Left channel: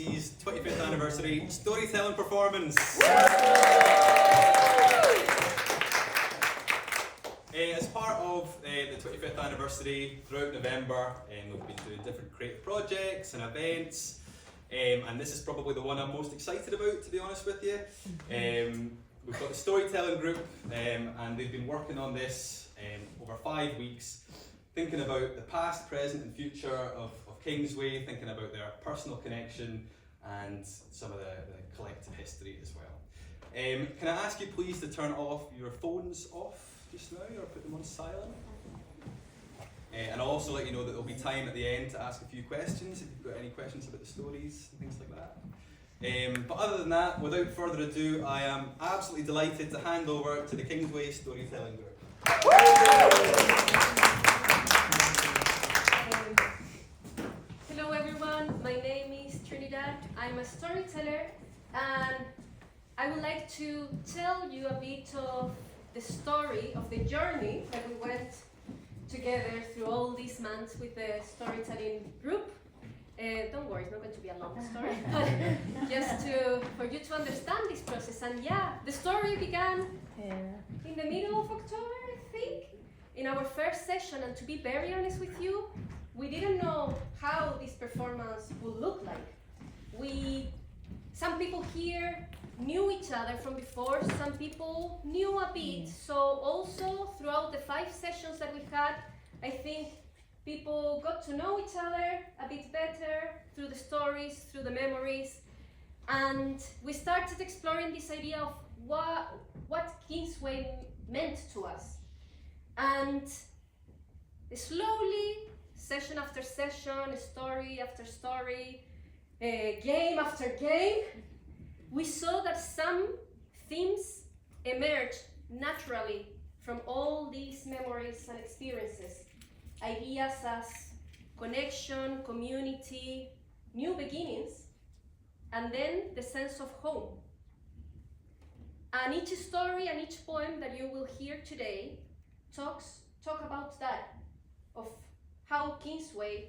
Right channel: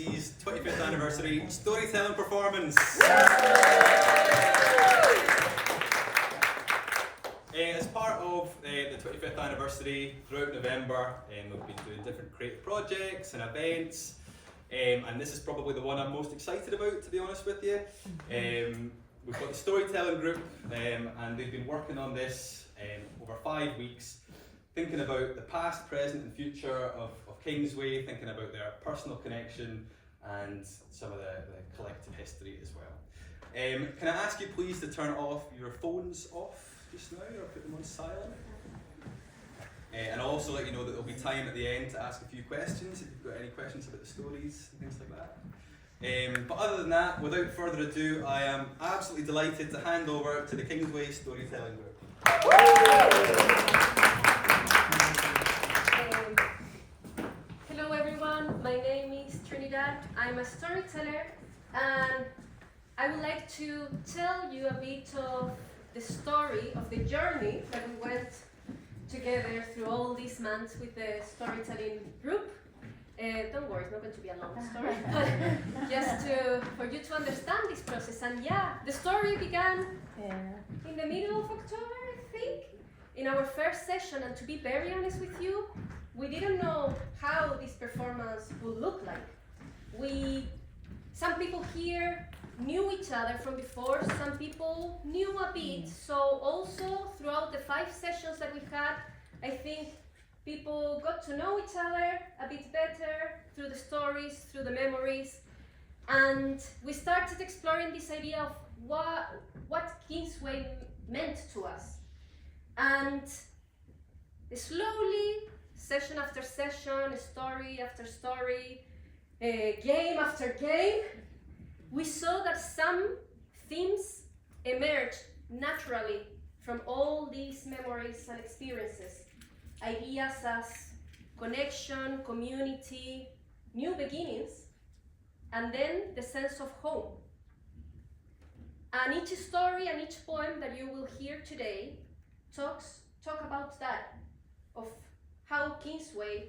KCC's 25th anniversary storytelling performance. As part of the 25th anniversary, throughout November, we've been doing different creative projects and events, and this is probably the one I'm most excited about, to be honest with you. We've got the storytelling group, and they've been working on this over 5 weeks, thinking about the past, present and future of Kingsway, thinking about their personal connection and some of the collective history as well. Can I ask you please to turn off your phones off just now, or put them on silent? And I'll also let you know that there'll be time at the end to ask a few questions if you've got any questions about the stories and things like that. But other than that, without further ado, I am absolutely delighted to hand over to the Kingsway Storytelling Group. Hello everyone, my name is Trinidad. I'm a storyteller, and I would like to tell you a bit of the story of the journey that we went together through all these months with the storytelling group. Don't worry, it's not going to be a long story, but just for you to understand this process. And yeah, the story began in the middle of October, I think, in our first session. And to be very honest with you, we didn't know how this performance would look like. Some people here knew each other from before, some people knew a bit. So also throughout the 5 sessions that we had, I think people got to know each other a bit better through the stories, through the memories. And we started exploring this idea of what Kingsway meant to us. And slowly, session after session, story after story, game after game, we saw that some themes emerged naturally from all these memories and experiences. Ideas as connection, community, new beginnings, and then the sense of home. And each story and each poem that you will hear today talk about that, of how Kingsway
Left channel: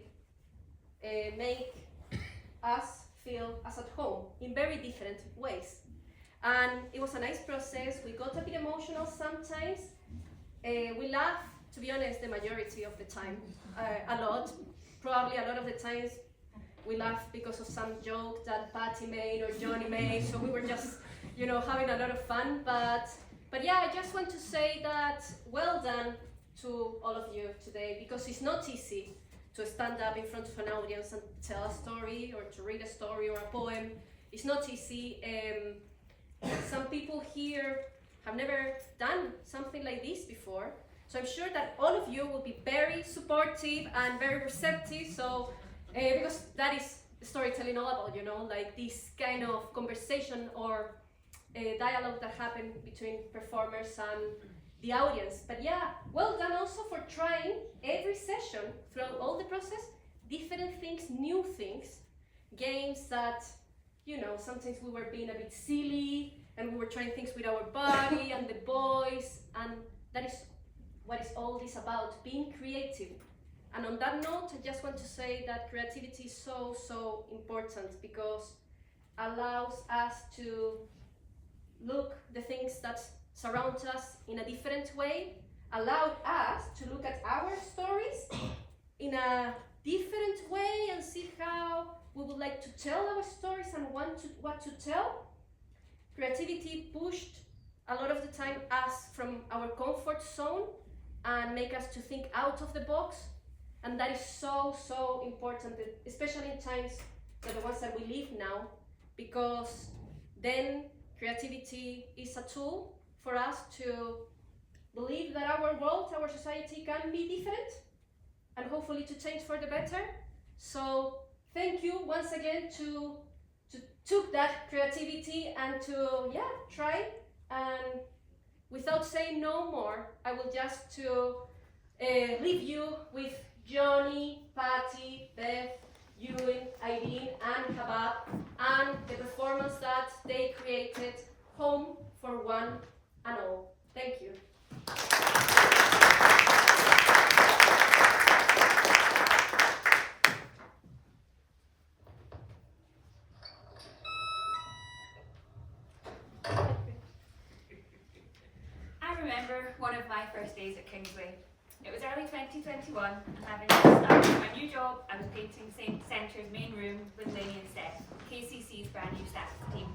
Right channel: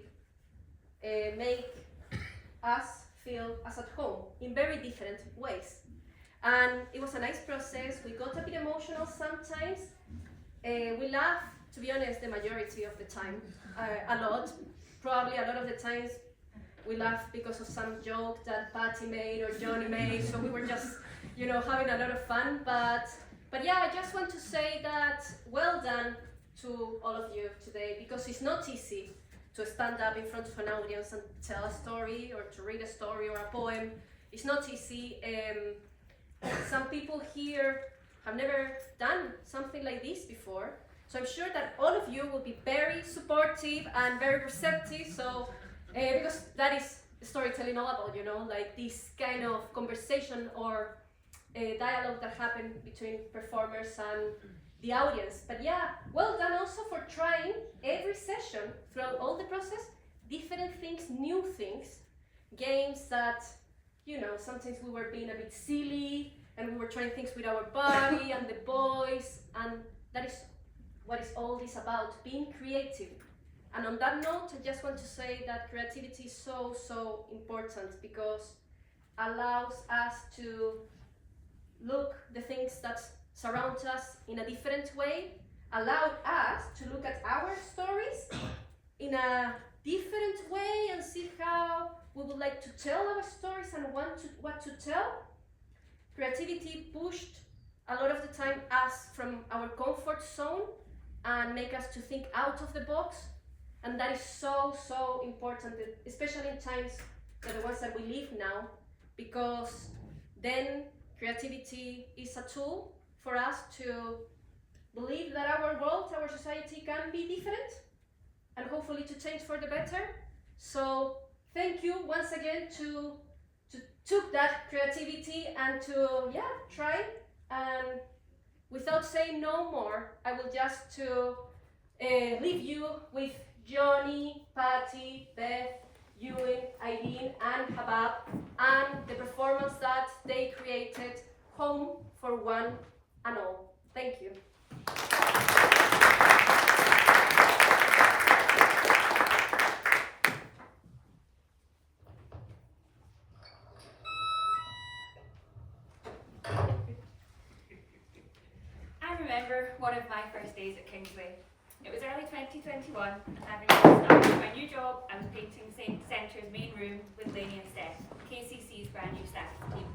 make us feel as at home in very different ways. And it was a nice process. We got a bit emotional sometimes. We laughed, to be honest, the majority of the time, a lot. Probably a lot of the times we laughed because of some joke that Patty made or Johnny made, so we were just, having a lot of fun. But yeah, I just want to say that well done to all of you today, because it's not easy to stand up in front of an audience and tell a story, or to read a story or a poem. It's not easy. Some people here have never done something like this before. So I'm sure that all of you will be very supportive and very receptive. So, because that is storytelling all about, like this kind of conversation or dialogue that happened between performers and the audience. But yeah, well done also for trying every session throughout all the process, different things, new things, games that, sometimes we were being a bit silly and we were trying things with our body and the voice, and that is what is all this about, being creative. And on that note, I just want to say that creativity is so, so important, because allows us to look the things that surround us in a different way, allowed us to look at our stories in a different way and see how we would like to tell our stories and what to tell. Creativity pushed a lot of the time us from our comfort zone and make us to think out of the box. And that is so, so important, especially in times like the ones that we live now, because then creativity is a tool for us to believe that our world, our society can be different, and hopefully to change for the better. So thank you once again to took that creativity and to try. And without saying no more, I will just leave you with Johnny, Patty, Beth, Ewan, Eileen and Habab, and the performance that they created, Home for One and All. Thank you. first days at Kingsway. It was early 2021, and having just started my new job, I was painting St Centre's main room with Lainey and Steph, KCC's brand new staff team.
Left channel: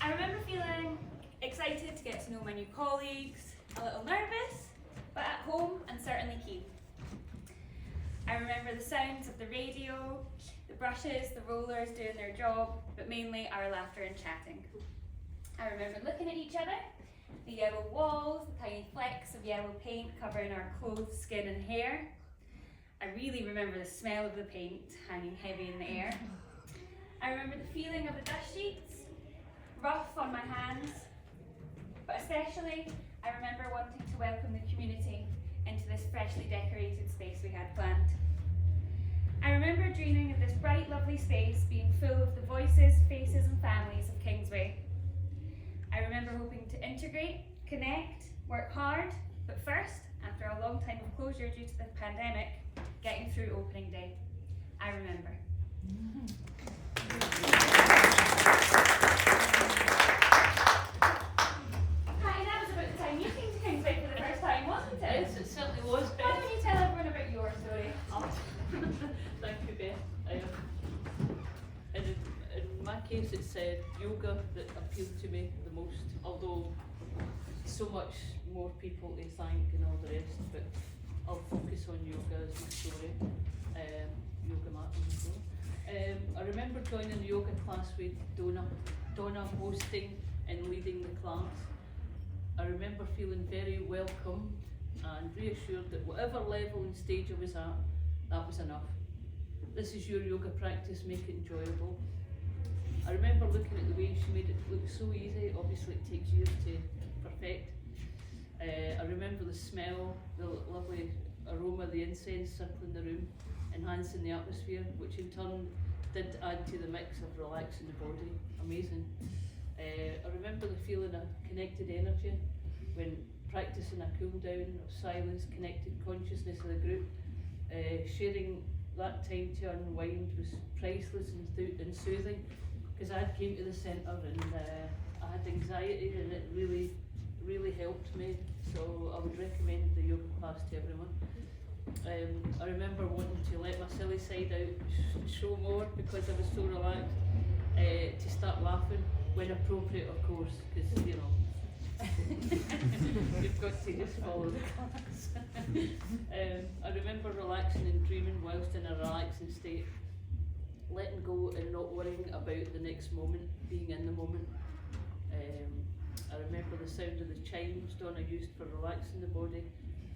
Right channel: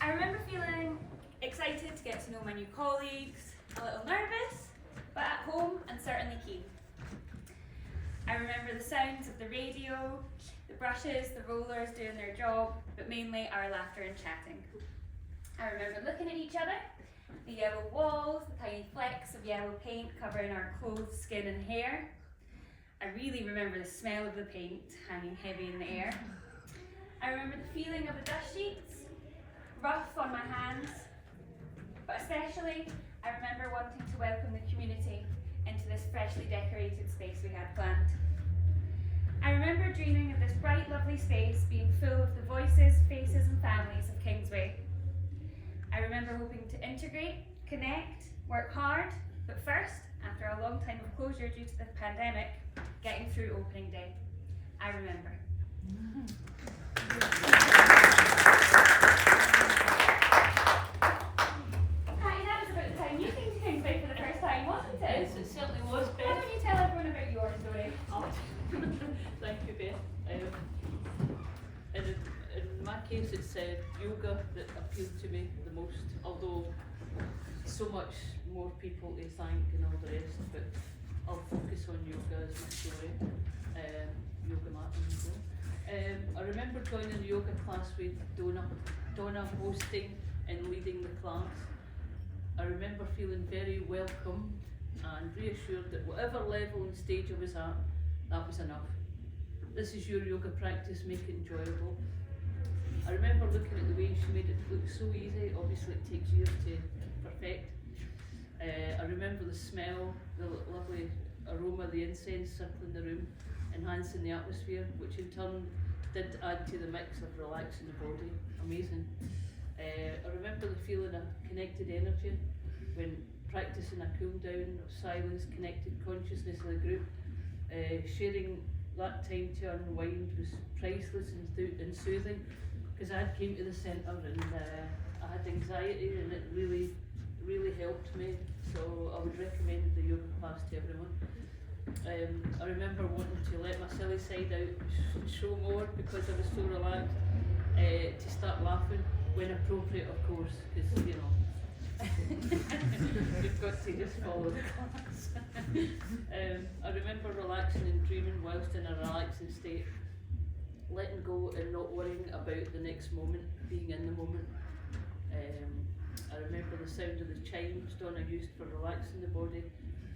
I remember feeling excited to get to know my new colleagues, a little nervous, but at home and certainly keen. I remember the sounds of the radio, the brushes, the rollers doing their job, but mainly our laughter and chatting. I remember looking at each other, the yellow walls, the tiny flecks of yellow paint covering our clothes, skin and hair. I really remember the smell of the paint hanging heavy in the air. I remember the feeling of the dust sheets, rough on my hands, but especially I remember wanting to welcome the community into this freshly decorated space we had planned. I remember dreaming of this bright, lovely space being full of the voices, faces and families of Kingsway. I remember hoping to integrate, connect, work hard, but first, after a long time of closure due to the pandemic, getting through opening day. I remember. Hi, that was about the time you came to Kingsway for the first time, wasn't it? Yes, it certainly was, Why Beth. don't you tell everyone about your story? Thank you, Beth. In my case, it's yoga that appealed to me the most, although so much more people to thank and all the rest, but I'll focus on yoga as my story. Yoga mat and so on. I remember joining the yoga class with Donna hosting and leading the class. I remember feeling very welcome and reassured that whatever level and stage I was at, that was enough. This is your yoga practice, make it enjoyable. I remember looking at the way she made it look so easy. Obviously it takes years to perfect. I remember the smell, the lovely aroma, the incense circling the room, enhancing the atmosphere, which in turn did add to the mix of relaxing the body. Amazing. I remember the feeling of connected energy when practicing a cool down of silence, connected consciousness of the group. Sharing that time to unwind was priceless and soothing, because I had came to the centre and I had anxiety, and it really helped me. So I would recommend the yoga class to everyone. I remember wanting to let my silly side out and show more because I was so relaxed, to start laughing when appropriate, of course, because you know you've got to just follow the class. I remember relaxing and dreaming whilst in a relaxing state, letting go and not worrying about the next moment, being in the moment. I remember the sound of the chimes Donna used for relaxing the body,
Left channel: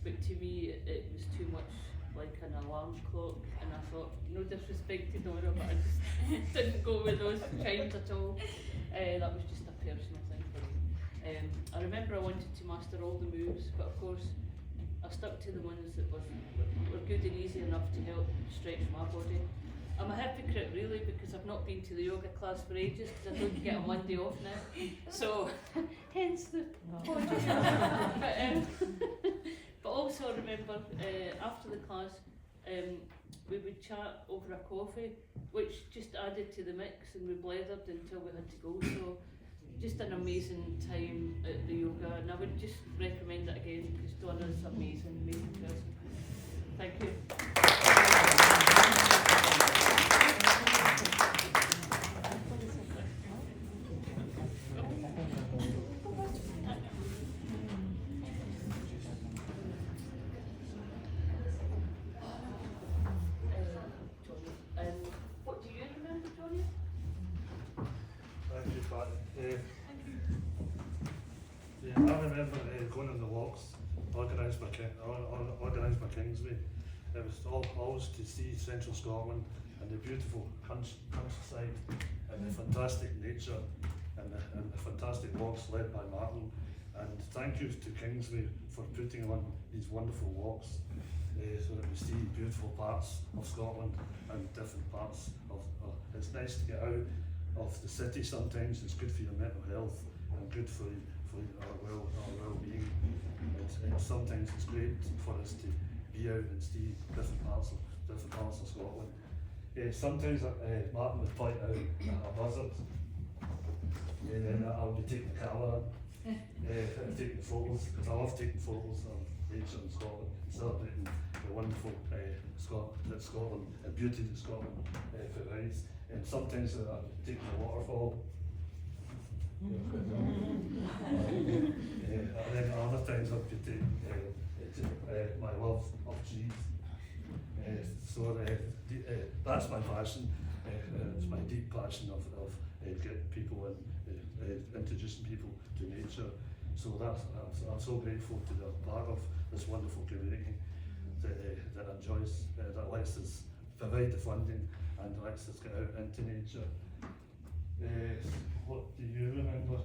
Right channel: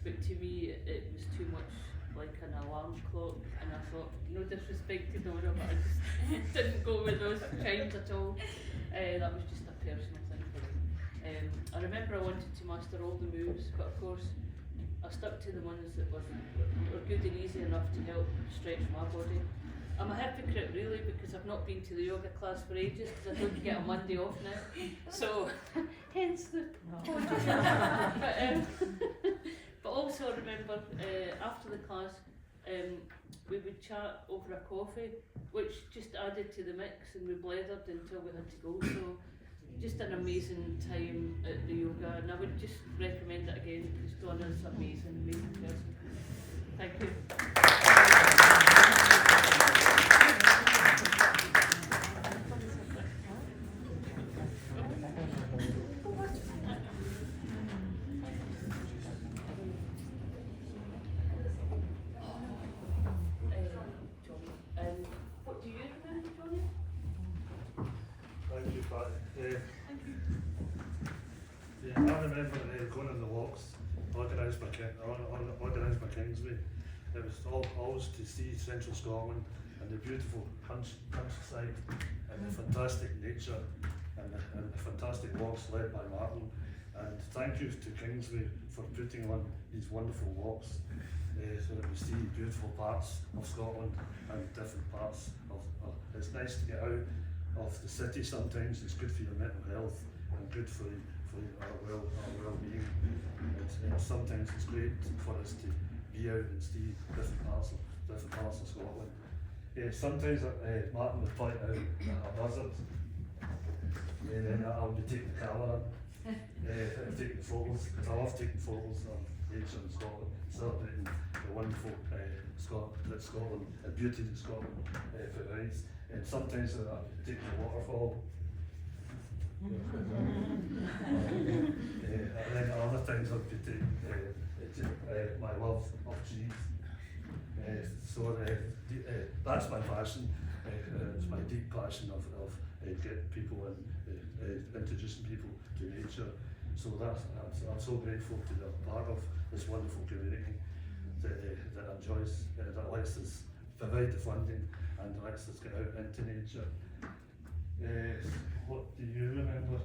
but to me it was too much like an alarm clock, and I thought, no disrespect to Donna, but I just didn't go with those chimes at all. That was just a personal thing for me. I remember I wanted to master all the moves, but of course I stuck to the ones that were good and easy enough to help stretch my body. I'm a hypocrite really, because I've not been to the yoga class for ages because I don't get a Monday off now. So hence the but also I remember after the class we would chat over a coffee, which just added to the mix, and we blethered until we had to go. So just an amazing time at the yoga, and I would just recommend it again because Donna's an amazing person. Thank you. What do you remember, Johnny? Thank you, Patty. Yeah, I remember going on the walks organised by Kingsway. It was always to see central Scotland and the beautiful countryside and the fantastic nature and the fantastic walks led by Martin. And thank you to Kingsway for putting on these wonderful walks so that we see beautiful parts of Scotland and different parts of it's nice to get out of the city sometimes. It's good for your mental health and good for our well-being. Sometimes it's great for us to be out and see different parts of Scotland. Sometimes Martin would point out a buzzard, and then I would take the camera taking photos, because I love taking photos of nature in Scotland, celebrating the wonderful Scotland, the beauty that Scotland provides. And sometimes I'm taking a waterfall. And then other times I'll be taking my love of cheese. That's my passion. It's my deep passion of getting people and introducing people to nature. So I'm so grateful to be a part of this wonderful community that enjoys, that lets us provide the funding and lets us get out into nature. What do you remember?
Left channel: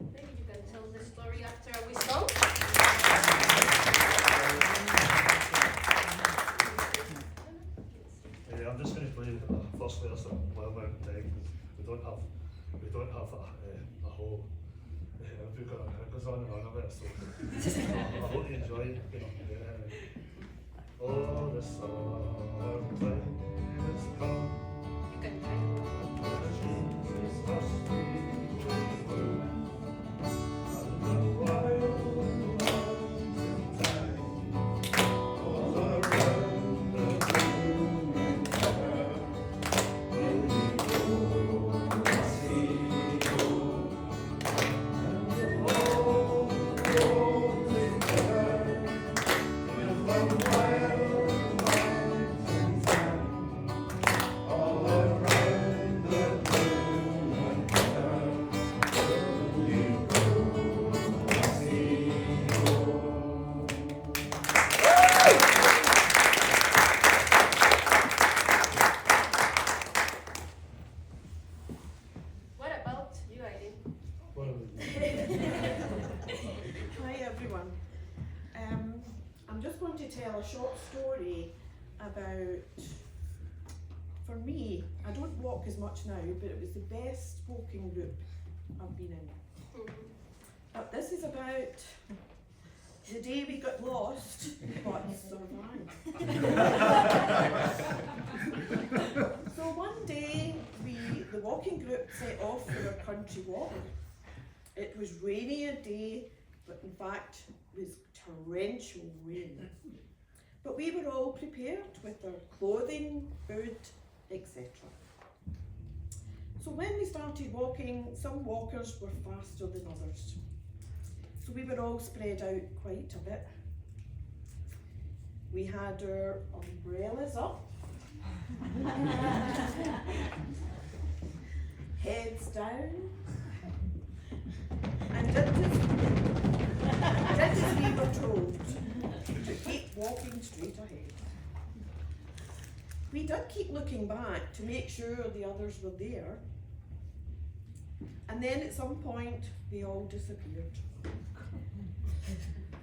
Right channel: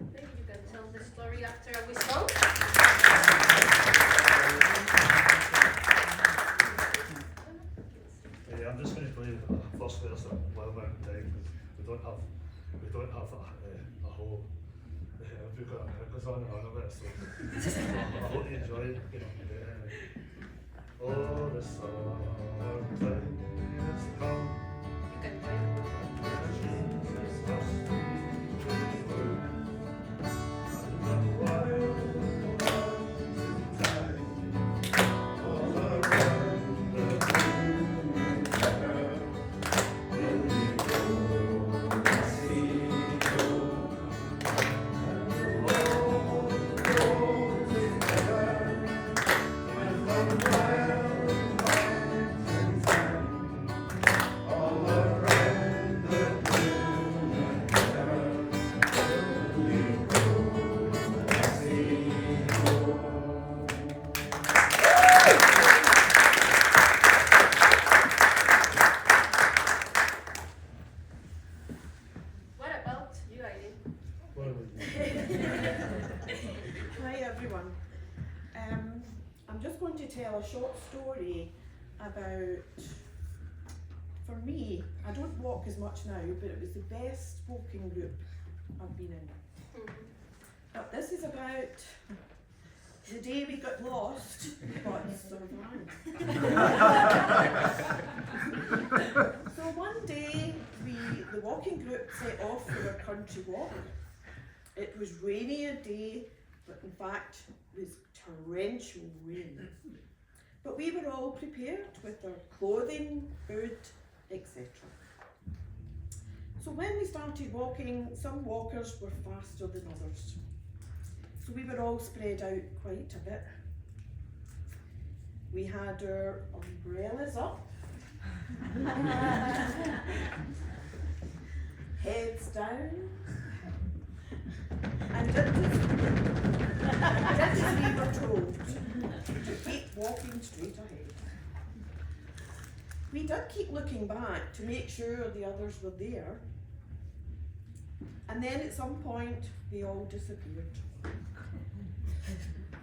Maybe you can tell the story after we song. I'm just going to play the first verse of Well Mountain Time, because we don't have a whole. We've got it goes on and on a bit, so I hope you enjoy it. Oh, the summertime is come. You can try. Jesus must be true. And the wild time all around the moon will we go and see you. All the roads they bear with the wild mountain time all around the moon and star will we go and see you. What about you, Eileen? What are we doing? Hi everyone. I'm just going to tell a short story about, for me, I don't walk as much now, but it was the best walking group I've been in. But this is about the day we got lost, but survived. So one day, the walking group set off for a country walk. It was rainy a day, but in fact it was torrential rain. But we were all prepared with our clothing, food, etc. So when we started walking, some walkers were faster than others. So we were all spread out quite a bit. We had our umbrellas up, heads down, and did as we were told, to keep walking straight ahead. We did keep looking back to make sure the others were there, and then at some point they all disappeared.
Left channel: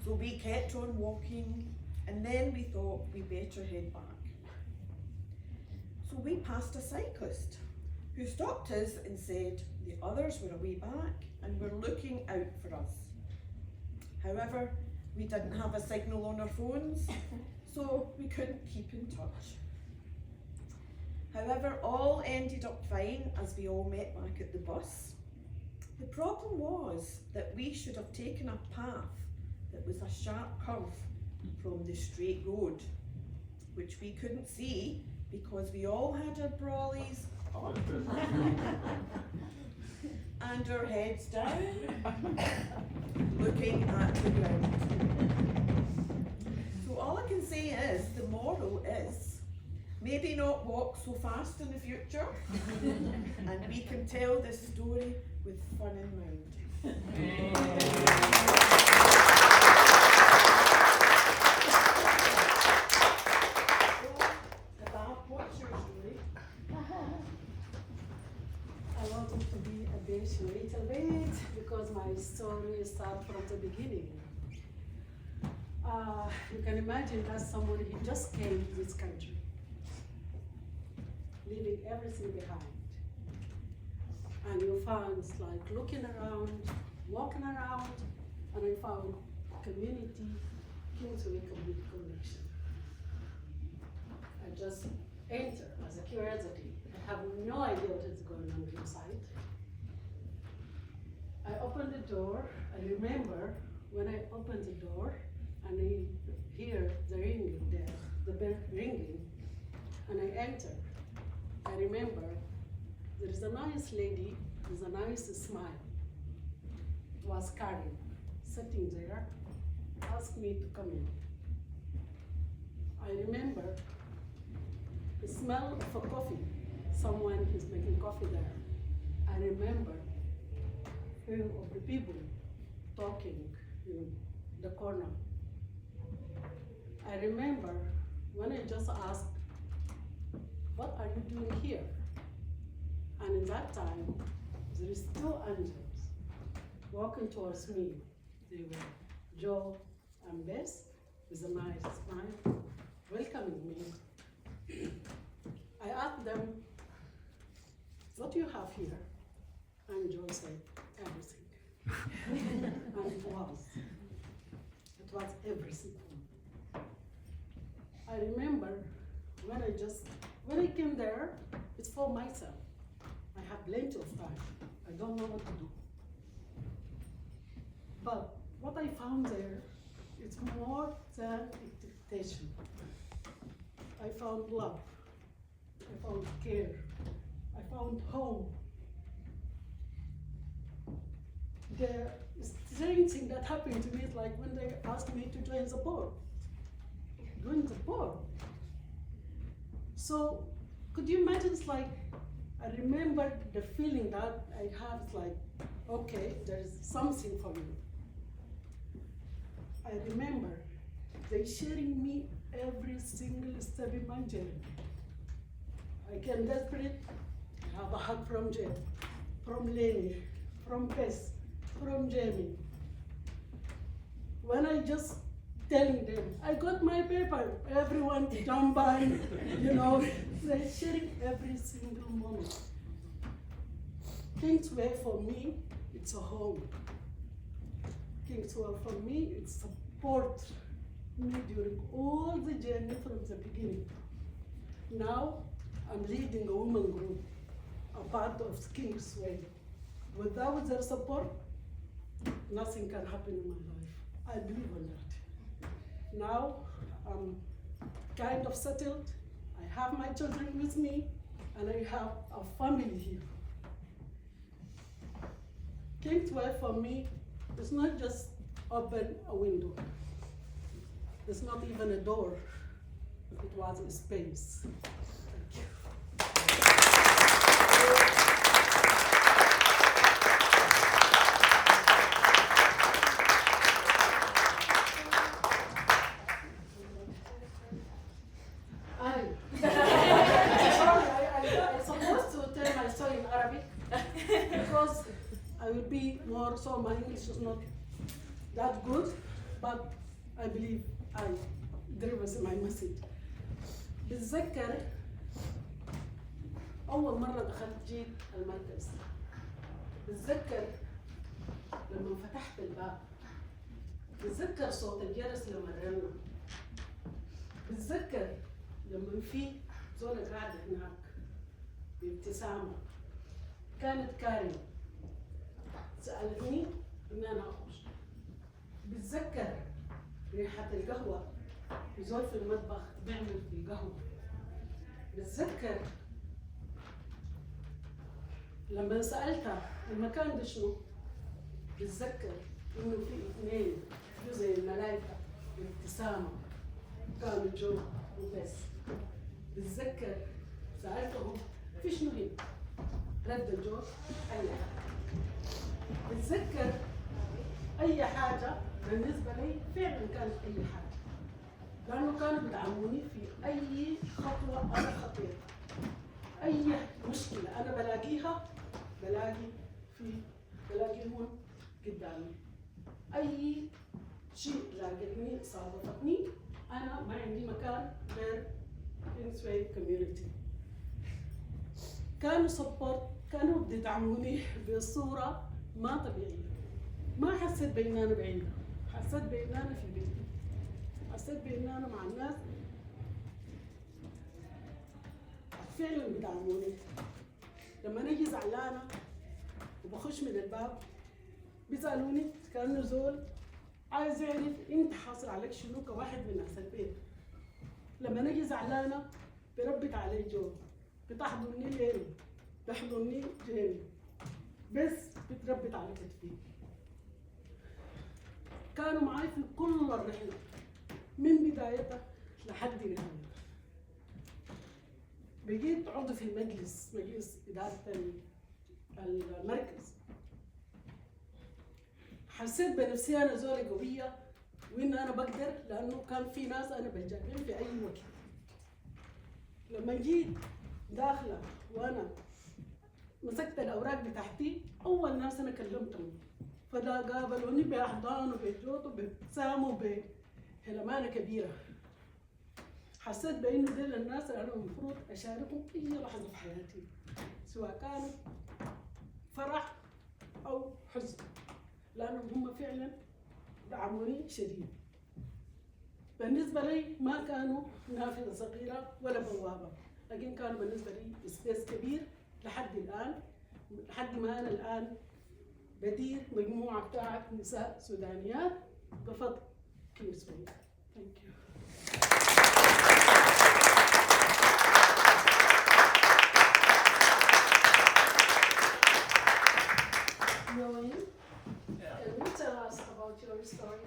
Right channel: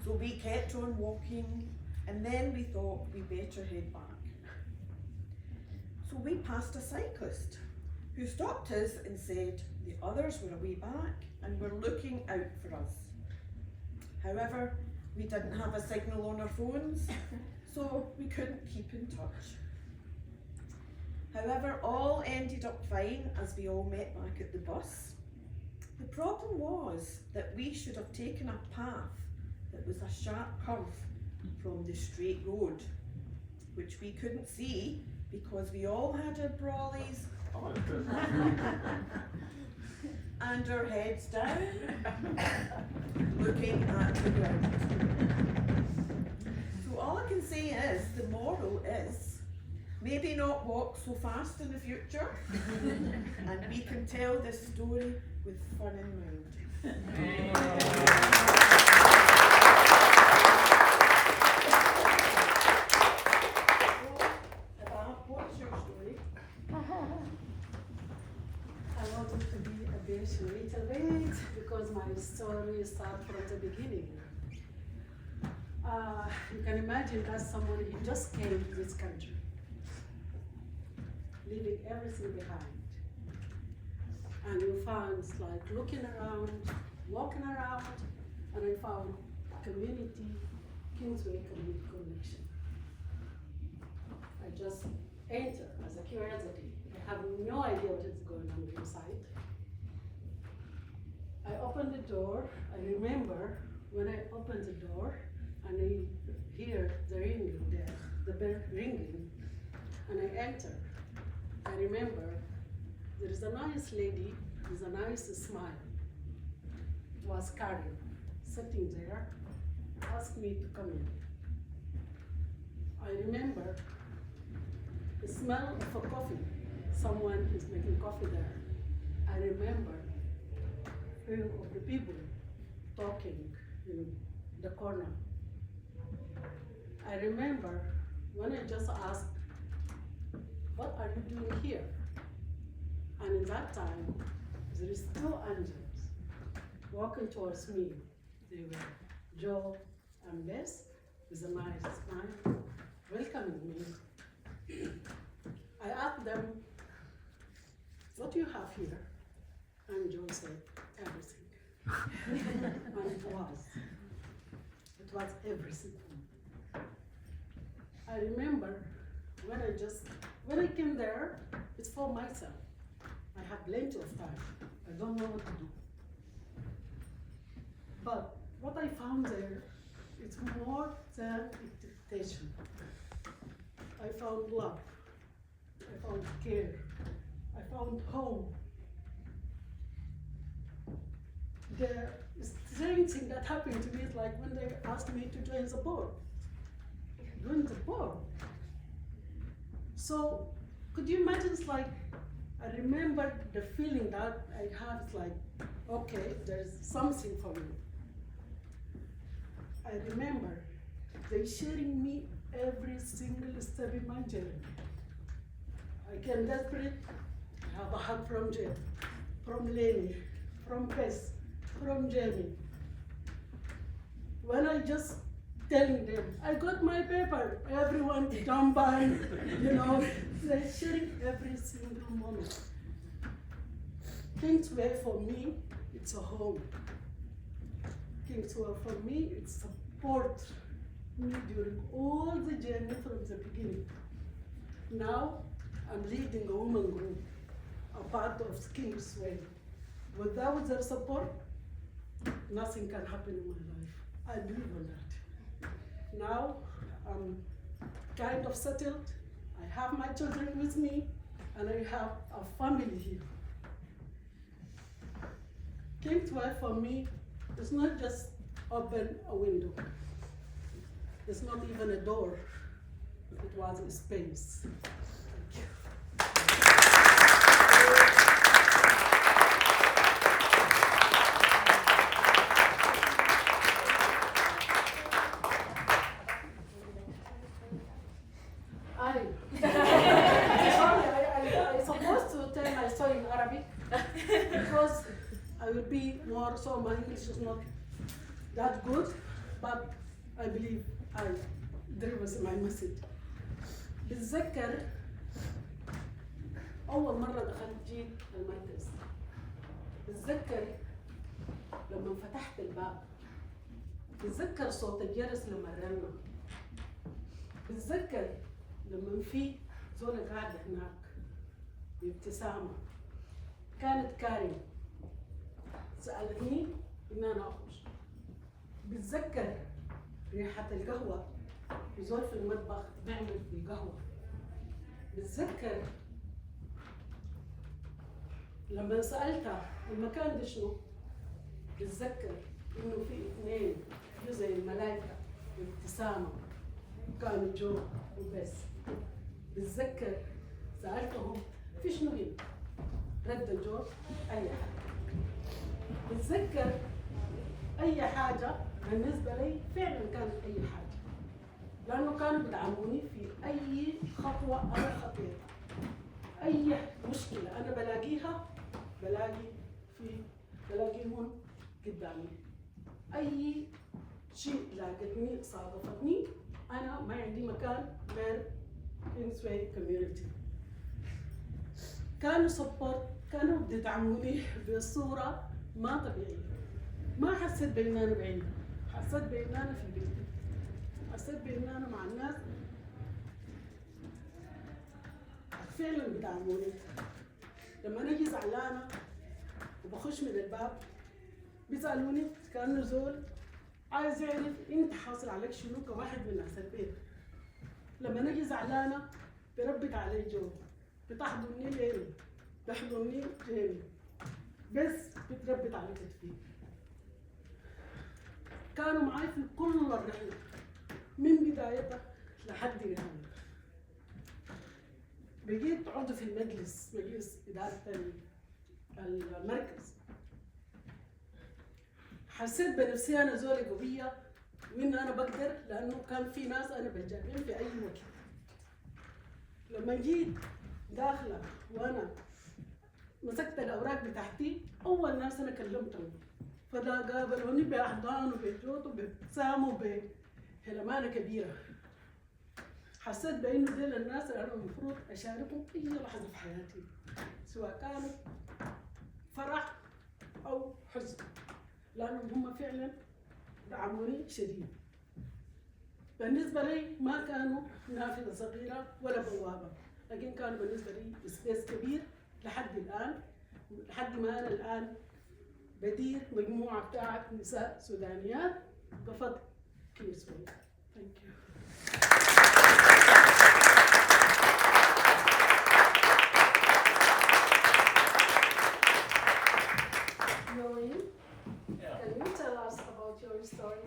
So we kept on walking, and then we thought we better head back. So we passed a cyclist who stopped us and said the others were a way back and were looking out for us. However, we didn't have a signal on our phones, so we couldn't keep in touch. However, all ended up fine as we all met back at the bus. The problem was that we should have taken a path that was a sharp curve from the straight road, which we couldn't see because we all had our brollies up and our heads down, looking at the ground. So all I can say is, the moral is, maybe not walk so fast in the future, and we can tell this story with fun in mind. What's your story? I want it to be a bit little bit because my story starts from the beginning. You can imagine that someone who just came to this country, leaving everything behind. And you found like looking around, walking around, and I found community, Kingsway community connection. I just enter as a curiosity. I have no idea what is going on inside. I opened the door. I remember when I opened the door and I hear the ringing there, the bell ringing, and I enter. I remember there is a nice lady with a nice smile. It was Karen, sitting there, asked me to come in. I remember the smell of a coffee. Someone is making coffee there. I remember few of the people talking in the corner. I remember when I just asked, what are you doing here? And in that time, there is two angels walking towards me. They were Joe and Bess with a nice smile, welcoming me. I asked them, what do you have here? And Joe said, everything. And it was everything. I remember when I came there, it's for myself. I have plenty of time. I don't know what to do. But what I found there, it's more than expectation. I found love. I found care. I found home. The strange thing that happened to me is like when they asked me to join the board. Join the board. So could you imagine, it's like, I remember the feeling that I had, it's like, okay, there's something for me. I remember they sharing me every single step in my journey. I came desperate, I have a hug from Jay, from Lenny, from Bess, from Jamie. When I just telling them, I got my paper, everyone jump on, they're sharing every single moment. Kingsway for me, it's a home. Kingsway for me, it support me during all the journey from the beginning. Now, I'm leading a women group, a part of Kingsway. Without their support, nothing can happen in my life. I believe in that. Now, I'm kind of settled. I have my children with me, and I have a family here. Kingsway for me is not just open a window. It's not even a door. It was a space. Because I will be more, so my English is not that good, but I believe I deliver my message. بتذكر أول مرة دخلت جيت المركز. بتذكر لما فتحت الباب. بتذكر صوت الجرس لما رن. بتذكر لما في زولة قاعدة هناك بابتسامة. كانت كارين سألتني إن أنا أخرج. بتذكر ريحة القهوة يزول في المطبخ بيعمل في القهوة. بتذكر لما سألتها المكان ده شنو؟ بتذكر إنه في اثنين جو زي الملايكة بابتسامة كانوا جو وبس. بتذكر سألتهم في شنو هنا؟ رد الجواب أي حاجة. بتذكر أي حاجة بالنسبة لي فعلا كانت أي حاجة، لأنه كانوا بيدعموني في أي خطوة أنا خطيتها. أي مشكلة أنا بلاقيها بلاقيهم قدامي. أي شيء لاقتني صادفتني أنا ما عندي مكان غير كينغسواي كوميونيتي. كانوا سبورت، كانوا بيدعموني بصورة ما طبيعية. ما حسيت بإن أنا بعيدة، حسيت بإن أنا في بيتي، حسيت بإن أنا مع الناس فعلا بيدعموني. لما أنا أجي زعلانة وبخش من الباب بيسألوني كأنه زول عايز يعرف انت حاصل عليك شنو كواحد من ناس البيت. لما نجي زعلانة بربك علي جو، بتحضني ليلي، بحضني جيني، بس بتربط على كتفي. كانوا معي في كل الرحلة من بدايتها لحد نهايتها. بقيت عضو في المجلس، مجلس إدارة المركز. حسيت بنفسي أنا زولة قوية وإن أنا بقدر، لأنه كان في ناس أنا بلجأ في أي وقت. لما جيت داخلة وأنا مسكت الأوراق بتاعتي، أول ناس أنا كلمتهم فدا قابلوني بأحضان وبجوط وبابتسام وبهلمانة كبيرة. حسيت بإنه ديل الناس اللي أنا المفروض أشاركهم أي لحظة في حياتي، سواء كانوا فرح أو حزن، لأنهم هم فعلا دعموني شديد. بالنسبة لي ما كانوا نافذة صغيرة ولا بوابة، لكن كانوا بالنسبة لي سبيس كبير لحد الآن، لحد ما أنا الآن بدير مجموعة بتاعت نساء سودانيات بفضل كيسوي. Thank you. Noe, can you tell us about your story?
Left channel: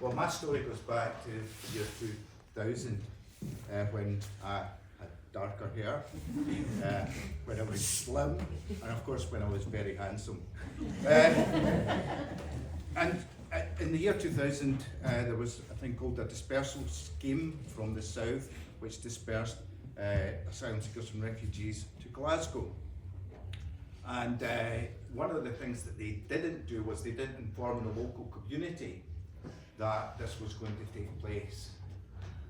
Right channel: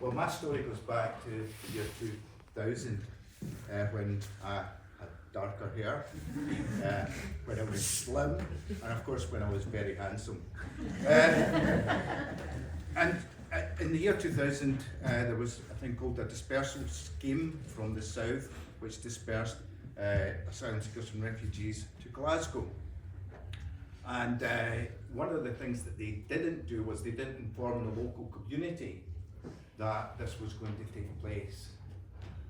Well, my story goes back to the year 2000, when I had darker hair, when I was slim, and of course when I was very handsome. And in the year 2000, there was a thing called a dispersal scheme from the south, which dispersed asylum seekers and refugees to Glasgow. And one of the things that they didn't do was they didn't inform the local community that this was going to take place.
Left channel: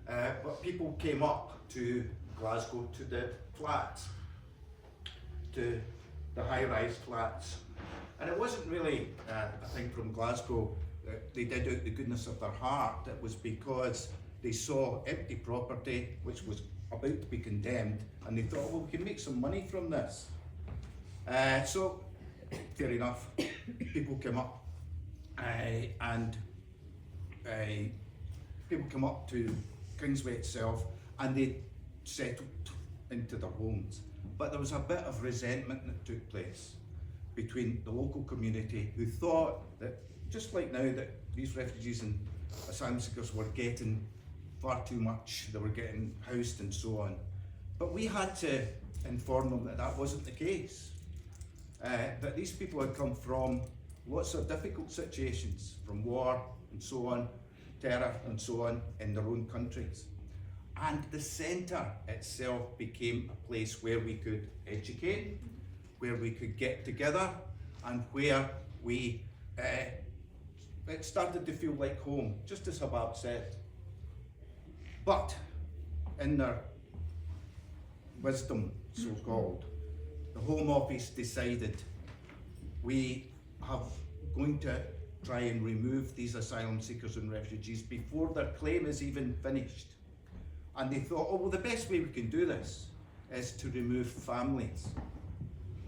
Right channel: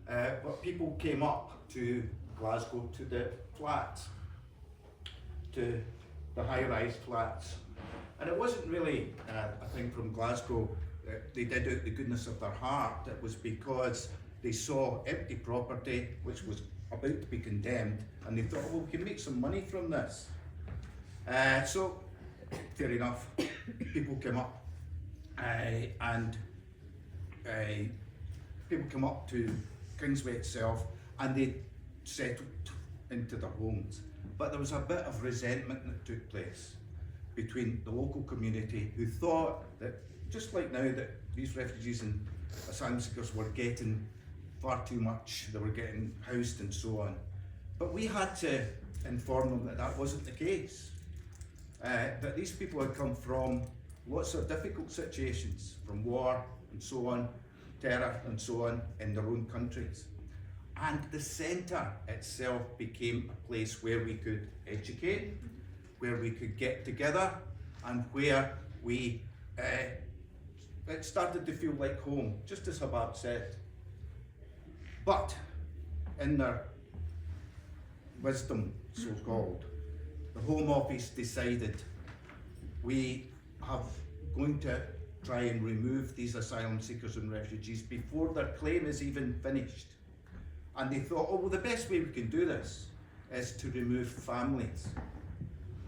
But people came up to Glasgow, to the flats, to the high-rise flats. And it wasn't really a thing from Glasgow that they did out the goodness of their heart. It was because they saw empty property which was about to be condemned, and they thought, well, we can make some money from this. So, fair enough, people came up and people come up to Kingsway itself and they settled into their homes. But there was a bit of resentment that took place between the local community, who thought that, just like now, that these refugees and asylum seekers were getting far too much, they were getting housed and so on. But we had to inform them that that wasn't the case. That these people had come from lots of difficult situations, from war and so on, terror and so on, in their own countries. And the centre itself became a place where we could educate, where we could get together, and where we, it started to feel like home, just as Habab said. But in their wisdom, so-called, the Home Office decided we have going to try and remove these asylum seekers and refugees before their claim is even finished. And they thought, oh, well, the best way we can do this is to remove families.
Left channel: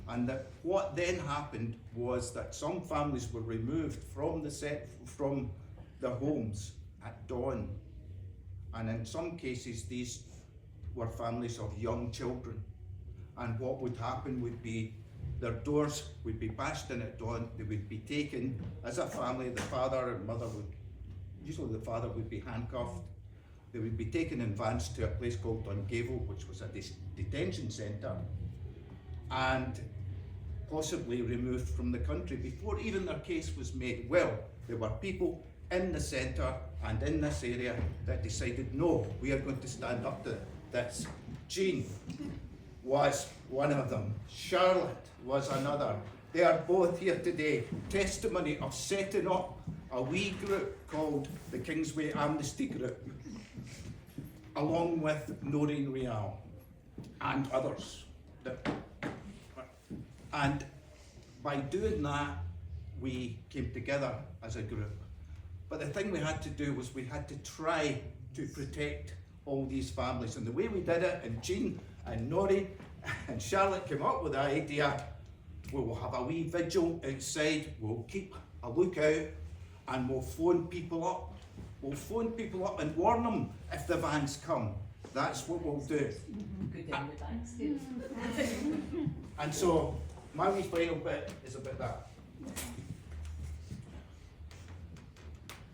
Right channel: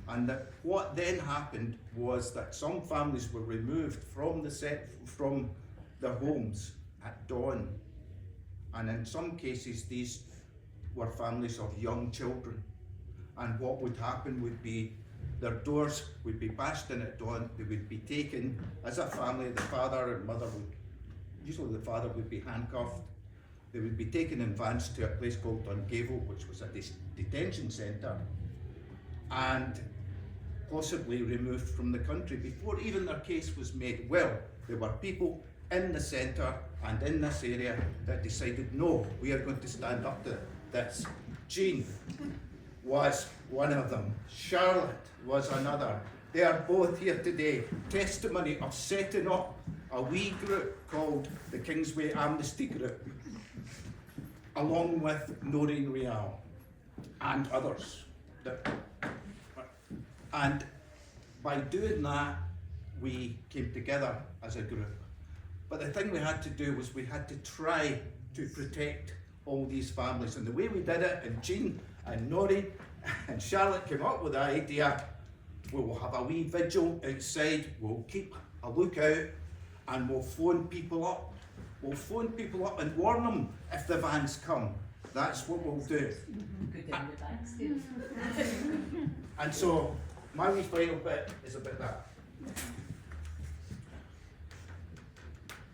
And that what then happened was that some families were removed from their homes at dawn. And in some cases, these were families of young children. And what would happen would be their doors would be bashed in at dawn. They would be taken as a family. The father and mother would, usually the father would be handcuffed. They would be taken in vans to a place called Dungavel, which was a detention centre, and possibly removed from the country before even their case was made. Well, there were people in the centre and in this area that decided, no, we are going to stand up to this. Jean was one of them. Charlotte was another. They are both here today. Testimony of setting up a wee group called the Kingsway Amnesty Group, along with Noreen Rial and others. And by doing that, we came together as a group. But the thing we had to do was we had to try to protect all these families. And the way we did it, and Jean and Noreen and Charlotte came up with the idea, we will have a wee vigil outside, we'll keep a lookout, and we'll phone people up. We'll phone people up and warn them if the vans come. That's what we'll do. And so, my wee final bit is about that.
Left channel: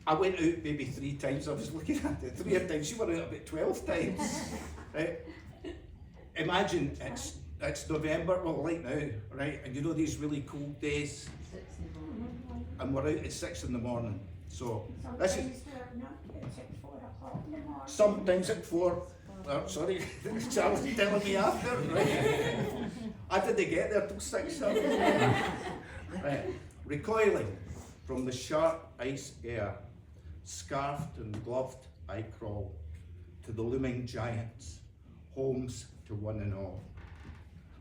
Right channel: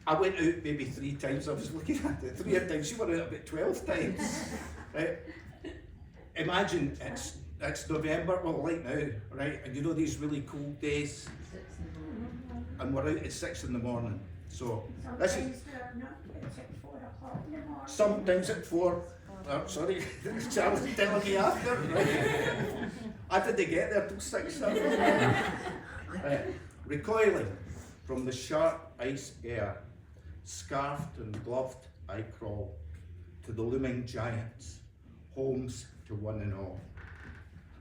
I went out maybe 3 times, I was looking at it, 3 times, you were out about 12 times, right? Imagine it's November, well like now, right? And you know these really cold days, and we're out at 6 in the morning. So, this is, It's at 4 o'clock in the morning. sometimes at 4, oh, sorry, Charlie's telling me after, right? I didn't get there till 6. Right. Recoiling from the sharp ice air, scarfed and gloved I crawl to the looming giants, homes to one and all.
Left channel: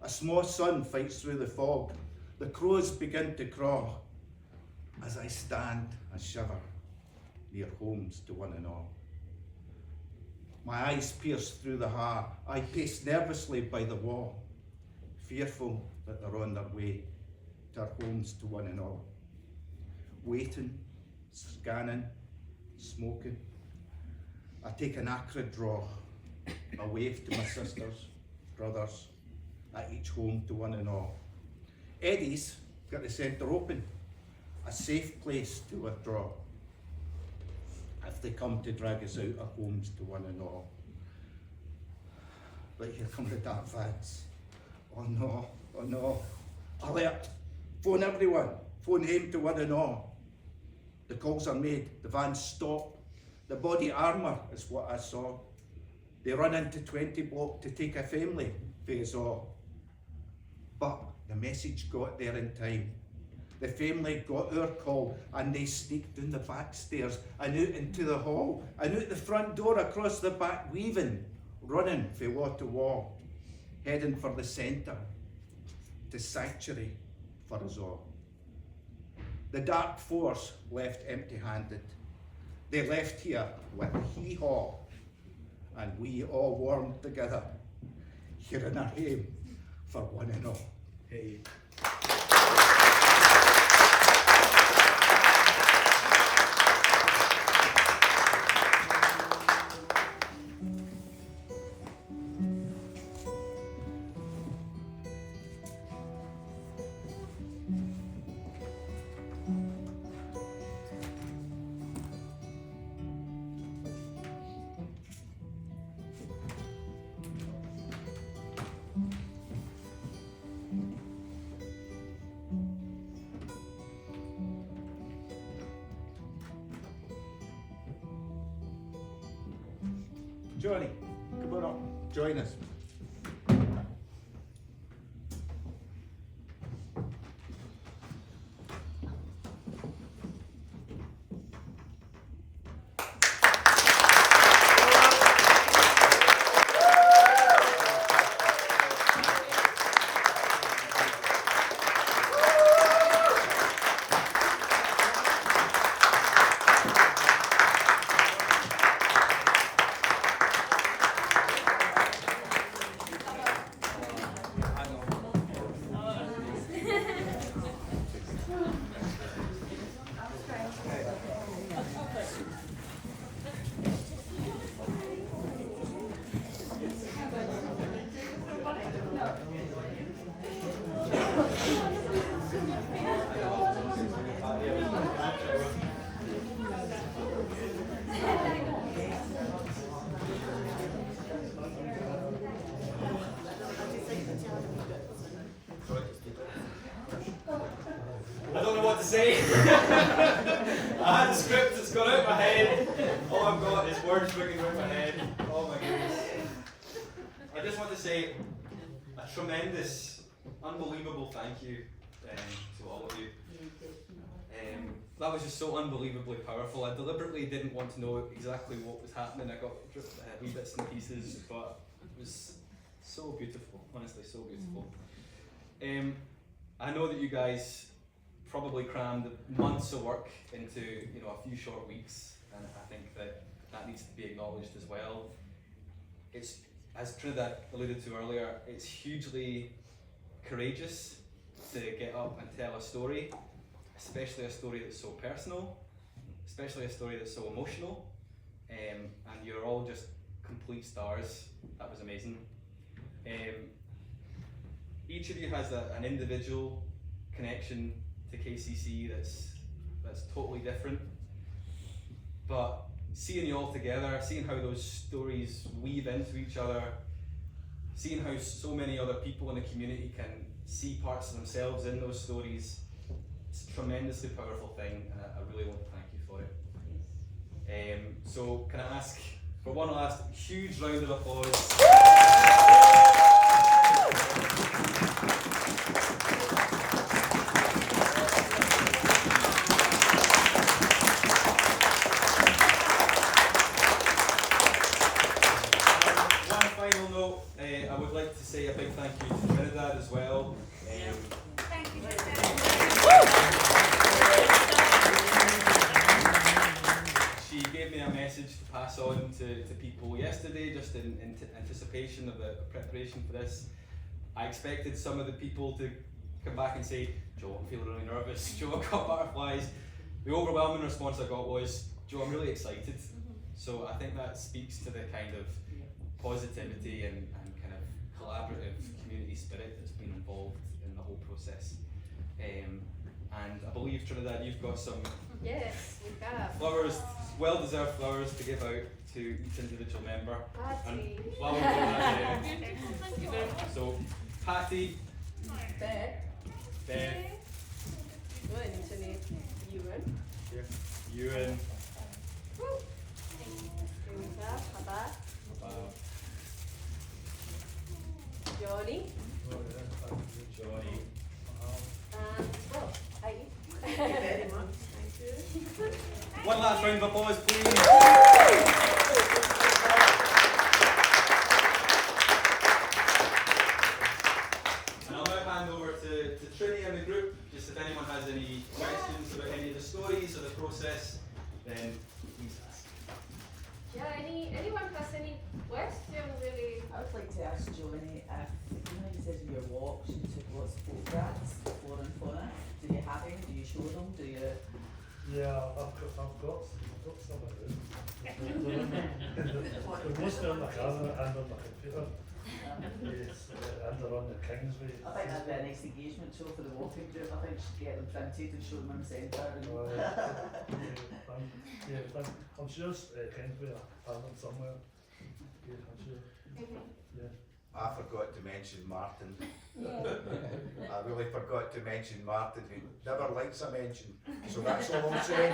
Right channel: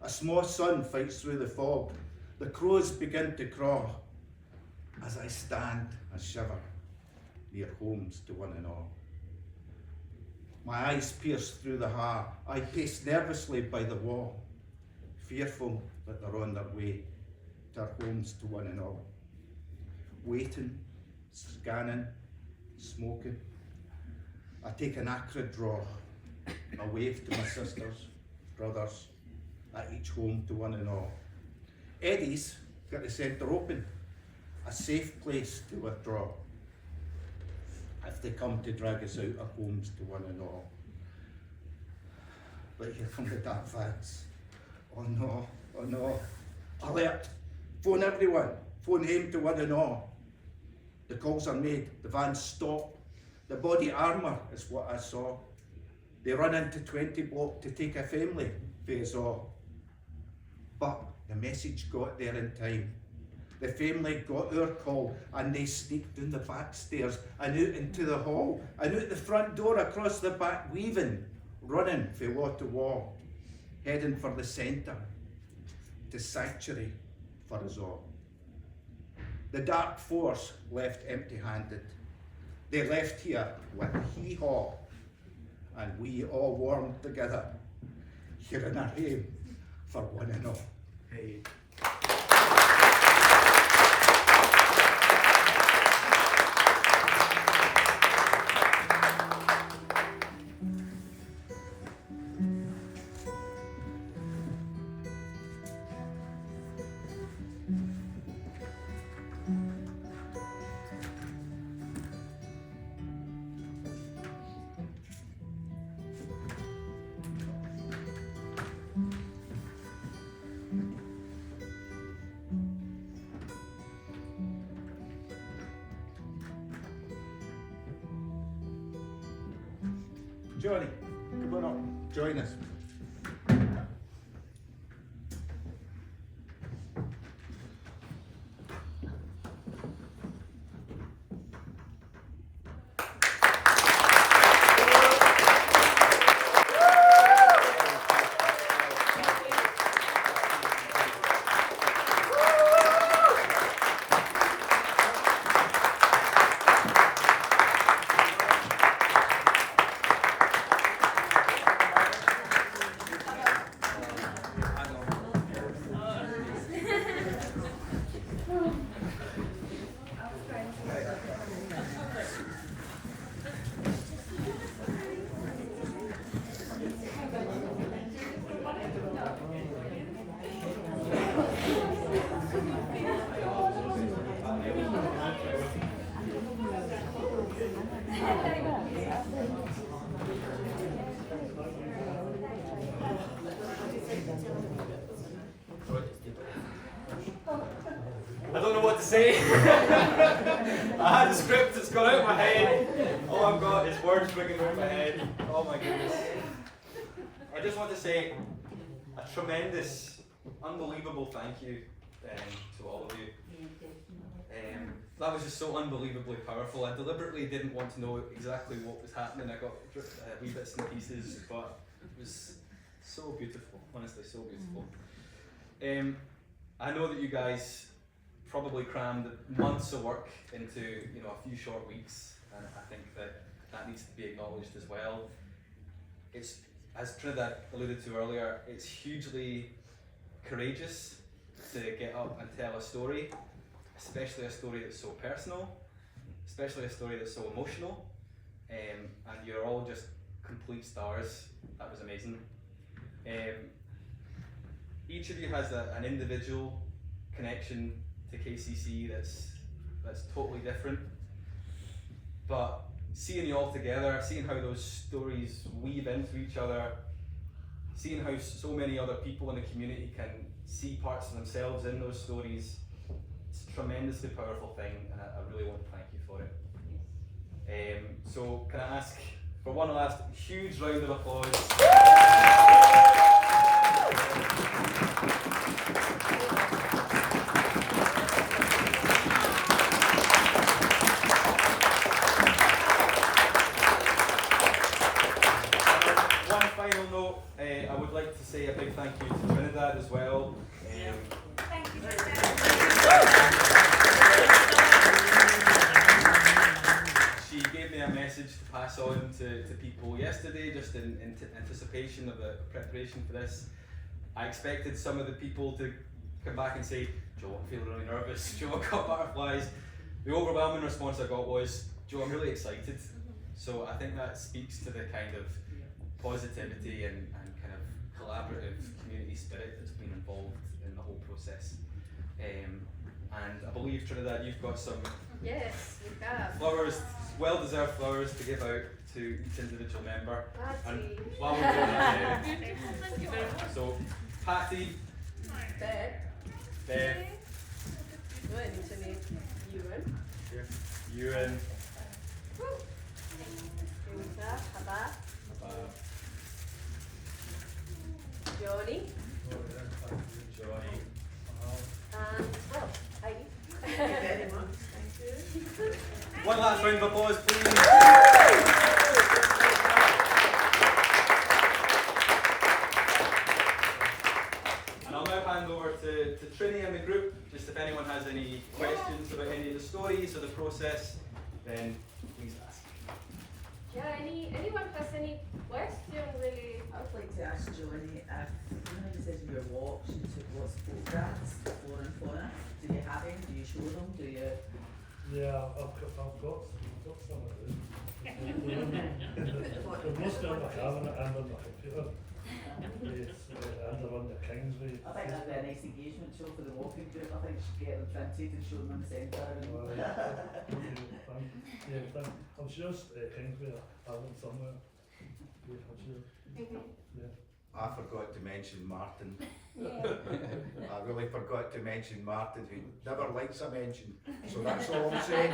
A small sun fights through the fog, the crows begin to craw, as I stand and shiver near homes to one and all. My eyes pierce through the heart, I pace nervously by the wall, fearful that they're on their way to our homes to one and all. Waiting, scanning, smoking, I take an acrid draw, a wave to my sisters, brothers, at each home to one and all. Eddie's got the centre open, a safe place to withdraw if they come to drag us out of homes to one and all. But here come the dark vans. Oh no, oh no. Alert, phone everyone, phone home to one and all. The calls are made, the vans stop. The body armour is what I saw. They run into 20 block to take a family, phase all. But the message got there in time. The family got our call and they sneaked down the back stairs and out into the hall and out the front door across the back weaving, running from wall to wall, heading for the centre, to sanctuary for us all. The dark force left empty-handed. They left here with hee-haw, and we all warmed together here in our home for one and all. Hey. Johnny, come on up, join us. I don't know what to say. I had the script that's gone out my head. All I've got is words ringing around my head. Oh my goodness. I just want to say a tremendous, unbelievable thank you to all of you. That was just so unbelievably powerful. I deliberately didn't want to know exactly what was happening. I got wee bits and pieces, but it was so beautiful, honestly, so beautiful. I know that you guys probably crammed months of work into a few short weeks, and I think that needs to be acknowledged as well. It's, as Trinidad alluded to earlier, it's hugely courageous to get up and tell a story, especially a story that's so personal, especially a story that's so emotional, and you're all just complete stars. That was amazing. Each of you has an individual connection to KCC that's totally different, but seeing you all together, seeing how those stories weave into each other, seeing how so many other people in the community can see parts of themselves in those stories, it's a tremendously powerful thing, and I really want to thank you for it. So can I ask for one last huge round of applause? I would like to say a big thank you to Trinidad as well. Thank you, She gave me a message to pass on to people yesterday, just in anticipation of the preparation for this. I expected some of the people to come back and say, Joe, I'm feeling really nervous. Joe, I've got butterflies. The overwhelming response I got was, Joe, I'm really excited. So I think that speaks to the kind of positivity and kind of collaborative community spirit that's been involved in the whole process. And I believe, Trinidad, you've got some Yes, we have. flowers, well-deserved flowers to give out to each individual member. And Patty, while we're doing that, Thank you very much. so Patty, Beth, Beth, Anthony, Ewan, Ewan, Teresa, Habab, Johnny, Johnny. and well, Heidi. Thank you very much. Thank you. One last round of applause, please. And I'll now hand over to Trini and the group, just if anyone has any questions about any of the stories or the process, then please ask. Yeah, anyone has any question really? I would like to ask Johnny if, you know, you said in your walks you took lots of photographs before and fauna. Do you have any? Do you show them? Do you? Yeah, I've got some of them. They're mostly on the camera and on the computer. Yes, and they're on the Kingsway. I think that'd be a nice engagement show for the walking group. I think you should get them printed and show them on the centre. I'm sure Kingsway have them somewhere. Yeah, I'm sure. Yeah. I forgot to mention Martin. I really forgot to mention Martin, who never likes a mention. So that's all I'm saying.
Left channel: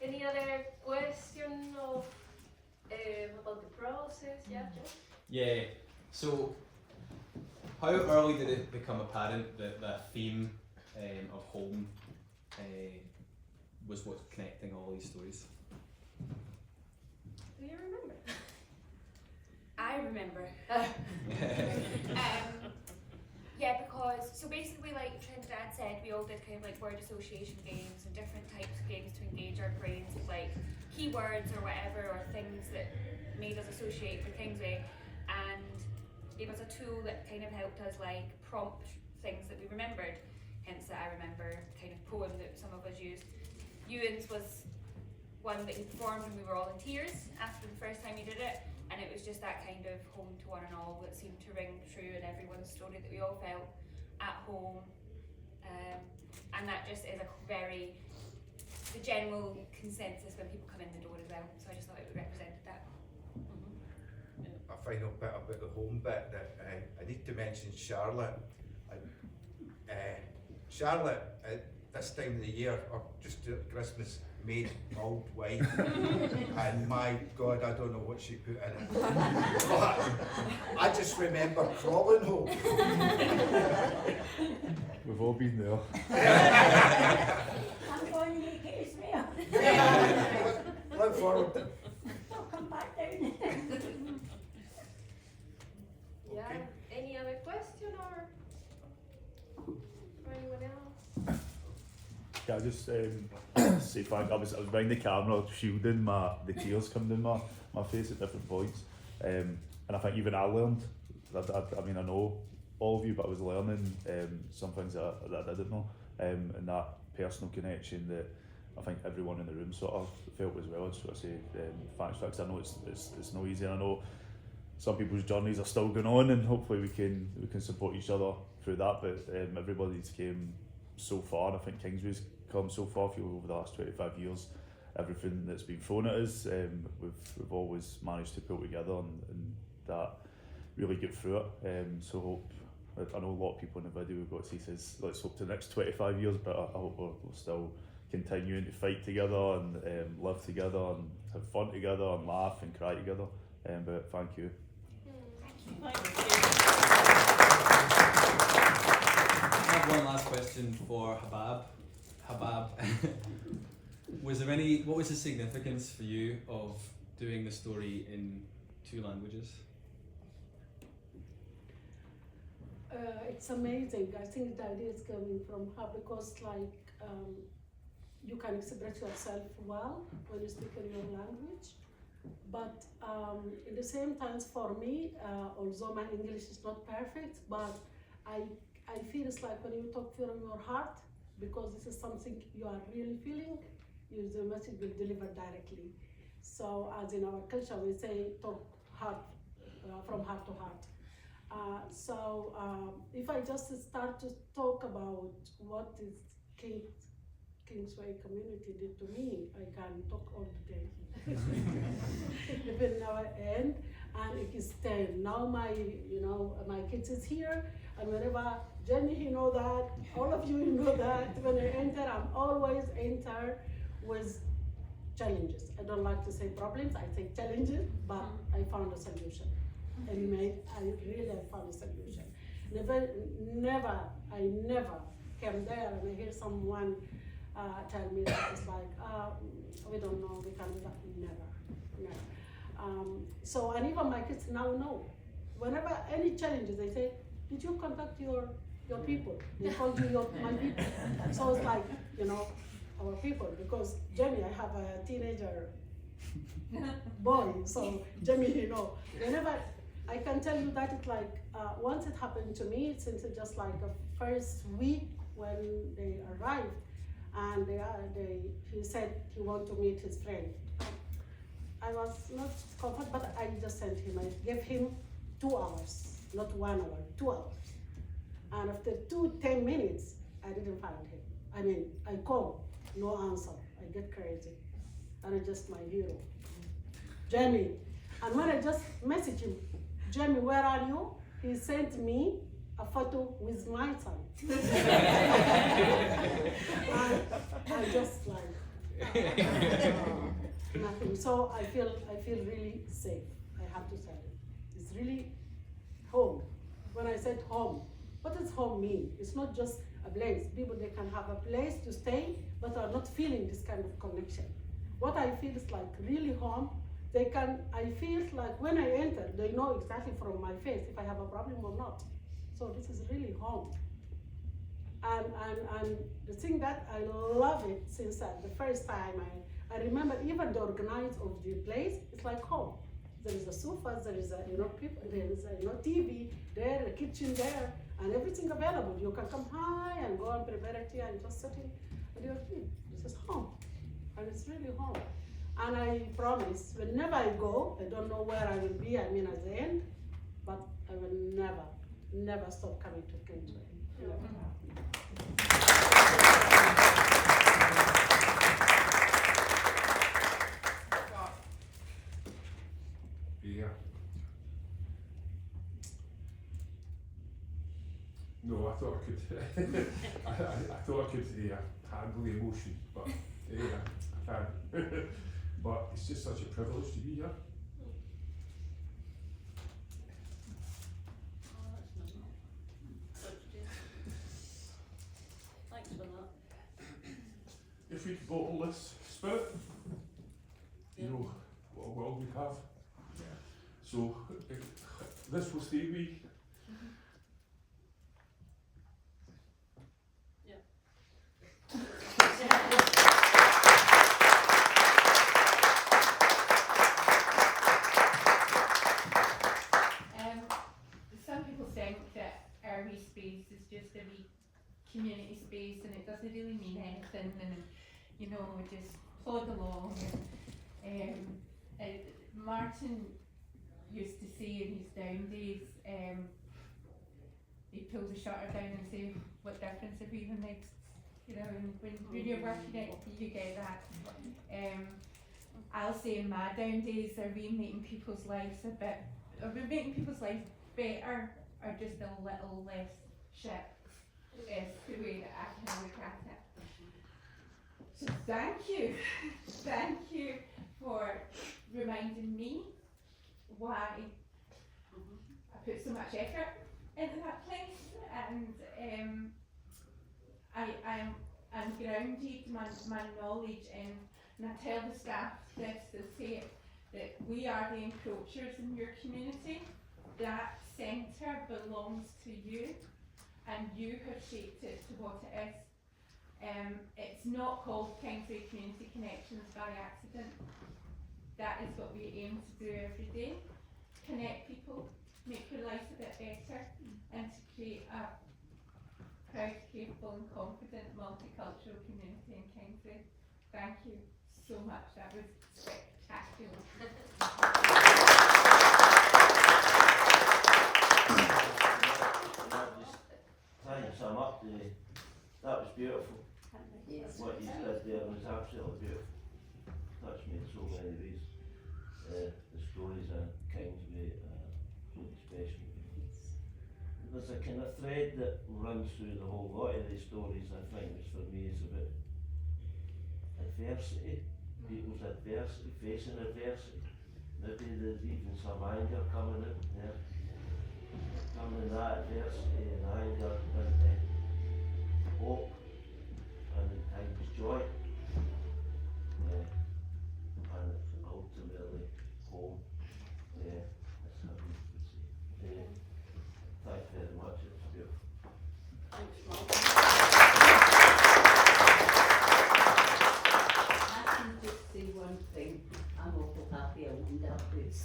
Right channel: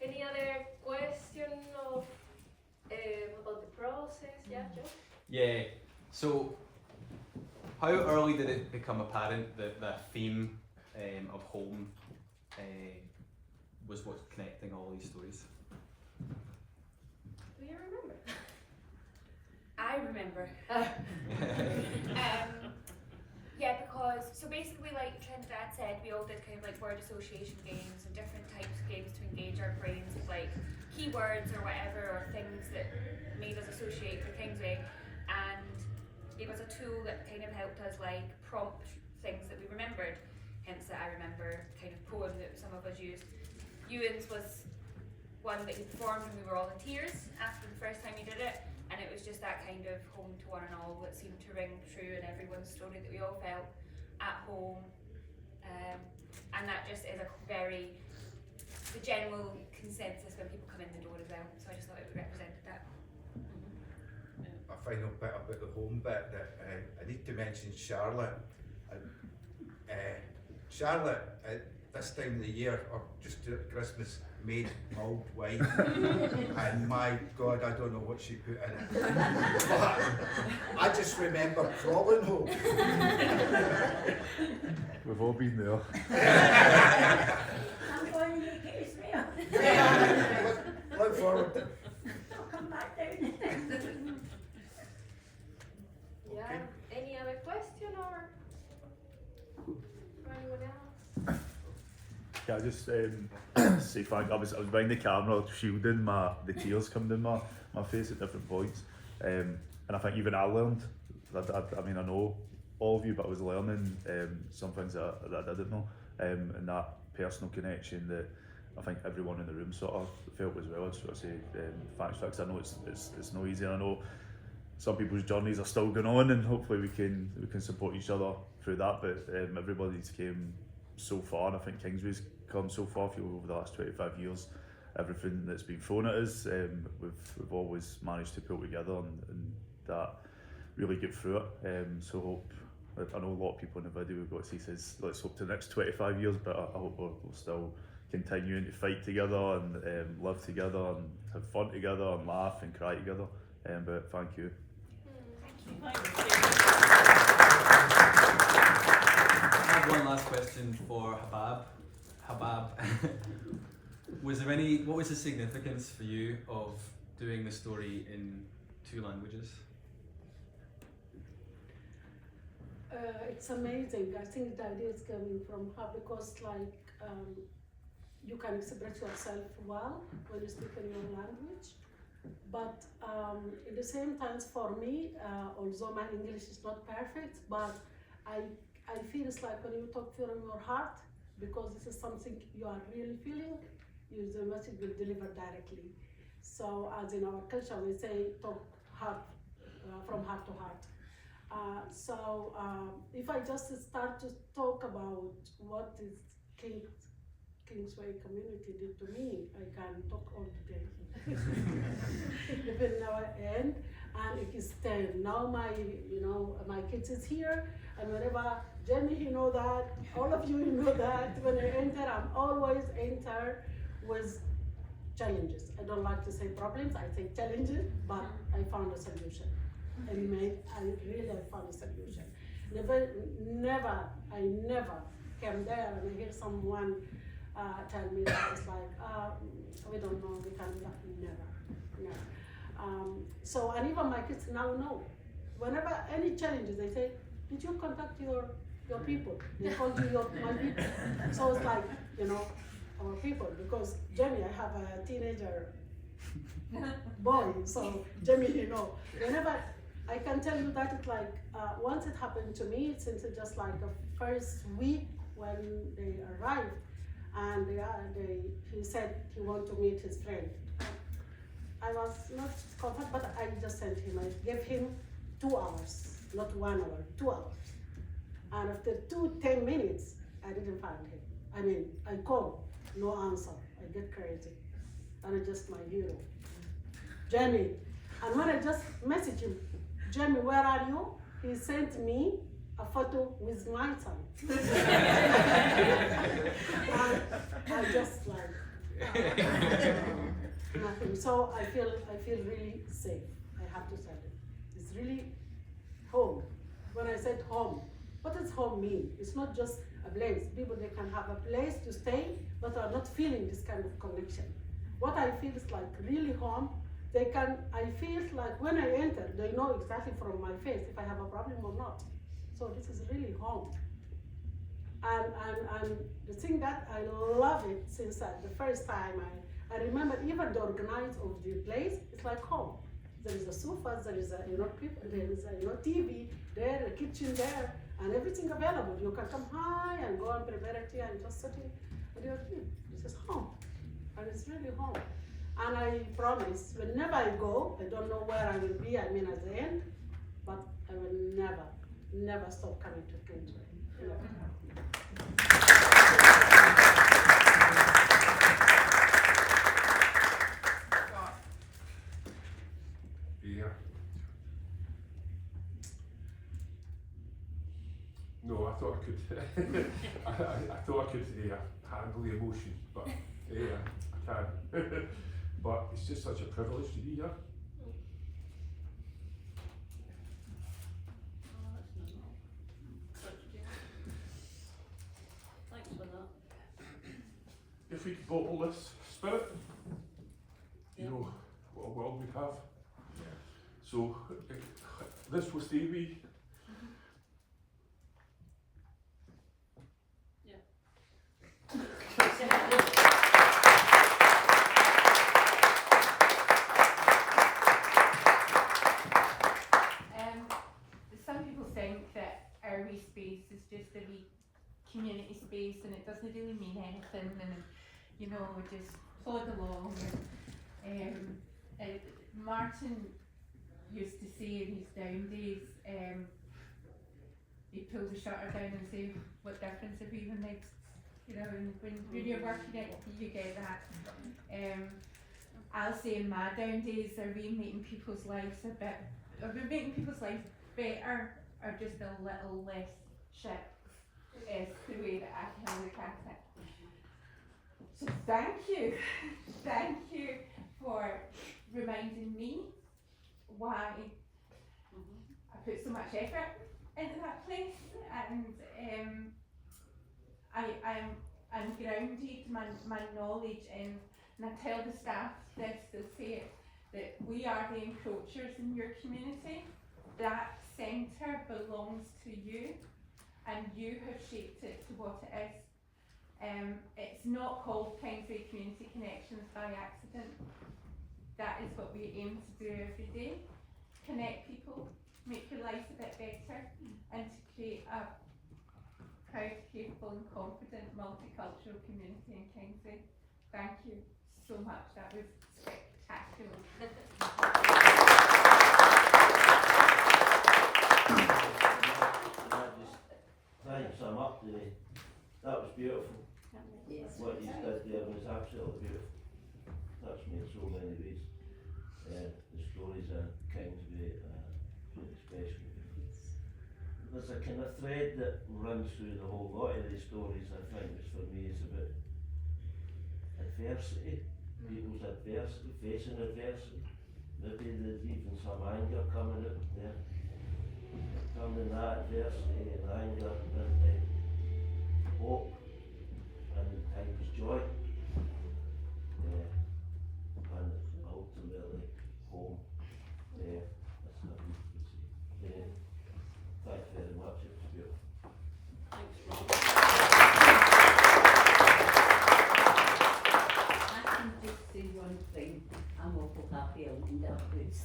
Any other question of about the process? Yeah, Joe? Yeah, so how early did it become apparent that the theme of home was what's connecting all these stories? Do you remember? I remember. Yeah, because so basically, like Trinidad said, we all did kind of like word association games and different types of games to engage our brains with like keywords or whatever, or things that made us associate with Kingsway, and it was a tool that kind of helped us like prompt things that we remembered. Hence, that I remember kind of poem that some of us used. Ewan's was one that he performed and we were all in tears after the first time he did it. And it was just that kind of home to one and all that seemed to ring true in everyone's story, that we all felt at home. And that just is a very, the general consensus when people come in the door as well. So I just thought it represented that. A final bit about the home bit that I need to mention Charlotte. Charlotte at this time of the year, or just at Christmas, made mulled wine. And my God, I don't know what she put in it. But I just remember crawling home. We've all been there. I'm going to make it Israel. Yeah, look forward to I'll come back down. Yeah. Okay. Any other question or anyone else? Can I just say thank? I was behind the camera shielding the tears coming down my face at different points, and I think even I learned. I mean, I know all of you, but I was learning some things that I didn't know, and that personal connection that I think everyone in the room sort of felt as well. I just want to say thanks for that, 'cause I know it's no easy, and I know some people's journeys are still going on, and hopefully we can support each other through that. But everybody's came so far, and I think Kingsway's come so far over the last 25 years. Everything that's been thrown at us, we've always managed to pull together and that really get through it. So hope, I know a lot of people in the video we've got to see says let's hope to the next 25 years, but I hope we'll still continuing to fight together and live together and have fun together and laugh and cry together. But thank you. I have one last question for Habab. Habab, what was the significance for you of doing the story in 2 languages? It's amazing. I think the idea is coming from her because you can express yourself well when you speak in your language. But in the same time, for me, although my English is not perfect, but I feel it's like when you talk from your heart, because this is something you are really feeling, the message will deliver directly. So as in our culture, we say talk heart, from heart to heart. So if I just start to talk about what is Kingsway community did to me, I can talk all the day. Even now end, and it is 10. Now my kids is here, and whenever Jenny, you know that, all of you know that, when I enter, I'm always enter with challenges. I don't like to say problems, I say challenges, but I found a solution. I found a solution. I never came there and I hear someone tell me that it's like, we don't know, we can't do that. Never. So, and even my kids now know. Whenever any challenges, they say, did you contact your people? They called you my people. So it's like, our people, because Jamie, I have a teenager boy, so Jamie, whenever I can tell you that it's like, once it happened to me, since it's just like a first week when they arrived, and he said he wanted to meet his friend. I was not comfortable, but I just sent him. I gave him 2 hours, not 1 hour, 2 hours. And after 10 minutes, I didn't find him. I called, no answer. I get crazy, and it's just my hero, Jamie. And when I just messaged him, Jamie, where are you? He sent me a photo with my son. And I just nothing. So I feel really safe. I have to say it. It's really home. When I said home, what does home mean? It's not just a place. People, they can have a place to stay, but are not feeling this kind of connection. What I feel is like really home. I feel like when I enter, they know exactly from my face if I have a problem or not. So this is really home. And the thing that I love it since the first time, I remember even the organize of the place, it's like home. There is a sofa, there is people, there is TV there, a kitchen there, and everything available. You can come high and go and prepare a tea and just sitting with your tea. This is home, and it's really home. And I promise, whenever I go, I don't know where I will be, at the end, but I will never stop coming to Kingsway. Yeah. No, I thought I could. I thought I could handle the emotion, but I can't. But it's just such a privilege to be here. Thanks for that. If we devote all this spirit, what a world we have. Yeah. So this will stay with. Yeah. community space, and it doesn't really mean anything, and you know, we just plod along. And Martin used to say in his down days, he'd pull the shutter down and say, what difference if even makes, you know, and when you're working it, you get that. I'll say in my down days, are we making people's lives better, or just a little less shit, is the way that I can look at it. So thank you for reminding me why I put so much effort into that place, and I'm grounded my knowledge in, and I tell the staff this, they'll say it, that we are the encroachers in your community. That centre belongs to you, and you have shaped it to what it is. It's not called Kingsway Community Connections by accident. That is what we aim to do every day. Connect people, make their lives a bit better, and to create a proud, capable and confident multicultural community in Kingsway. Thank you so much, that was spectacular. Trying to sum up, that was beautiful. Yes. What you did there was absolutely beautiful. Touched me in so many ways. The stories of Kingsway, really special. There's a kind of thread that runs through the whole lot of these stories, I think, is for me, is about adversity, people's adversity, facing adversity. Maybe there's even some anger coming out there. Turning that adversity and anger into hope and at times joy. And ultimately home. That's how we would say. Thanks very much, it was beautiful. Thanks, Rob. I can just say one thing. I'm awful happy I owned that house.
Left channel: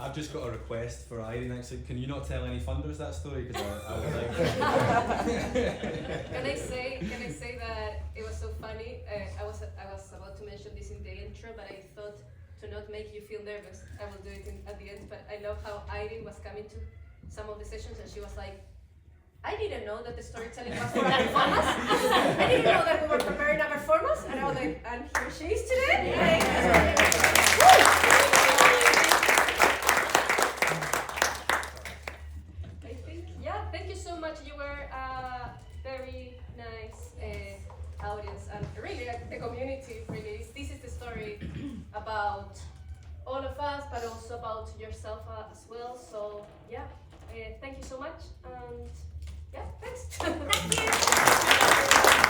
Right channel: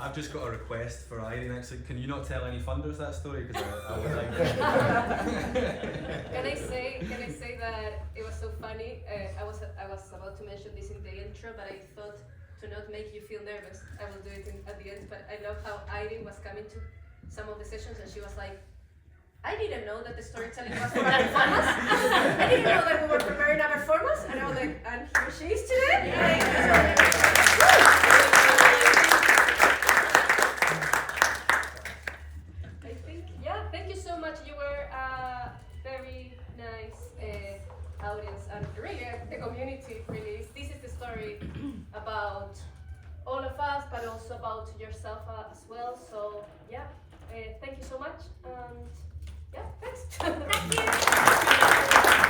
I've just got a request for Irene actually. Can you not tell any funders that story? Because I would like Can I say that it was so funny? I was about to mention this in the intro, but I thought to not make you feel nervous, I will do it at the end. But I love how Irene was coming to some of the sessions and she was like, I didn't know that the storytelling was for our performance. I didn't know that we were preparing our performance, and I was like, and here she is today. I think, yeah, thank you so much. You were a very nice audience, and really the community really is. This is the story about all of us, but also about yourself as well. So yeah, thank you so much, and yeah, thanks. Thank you.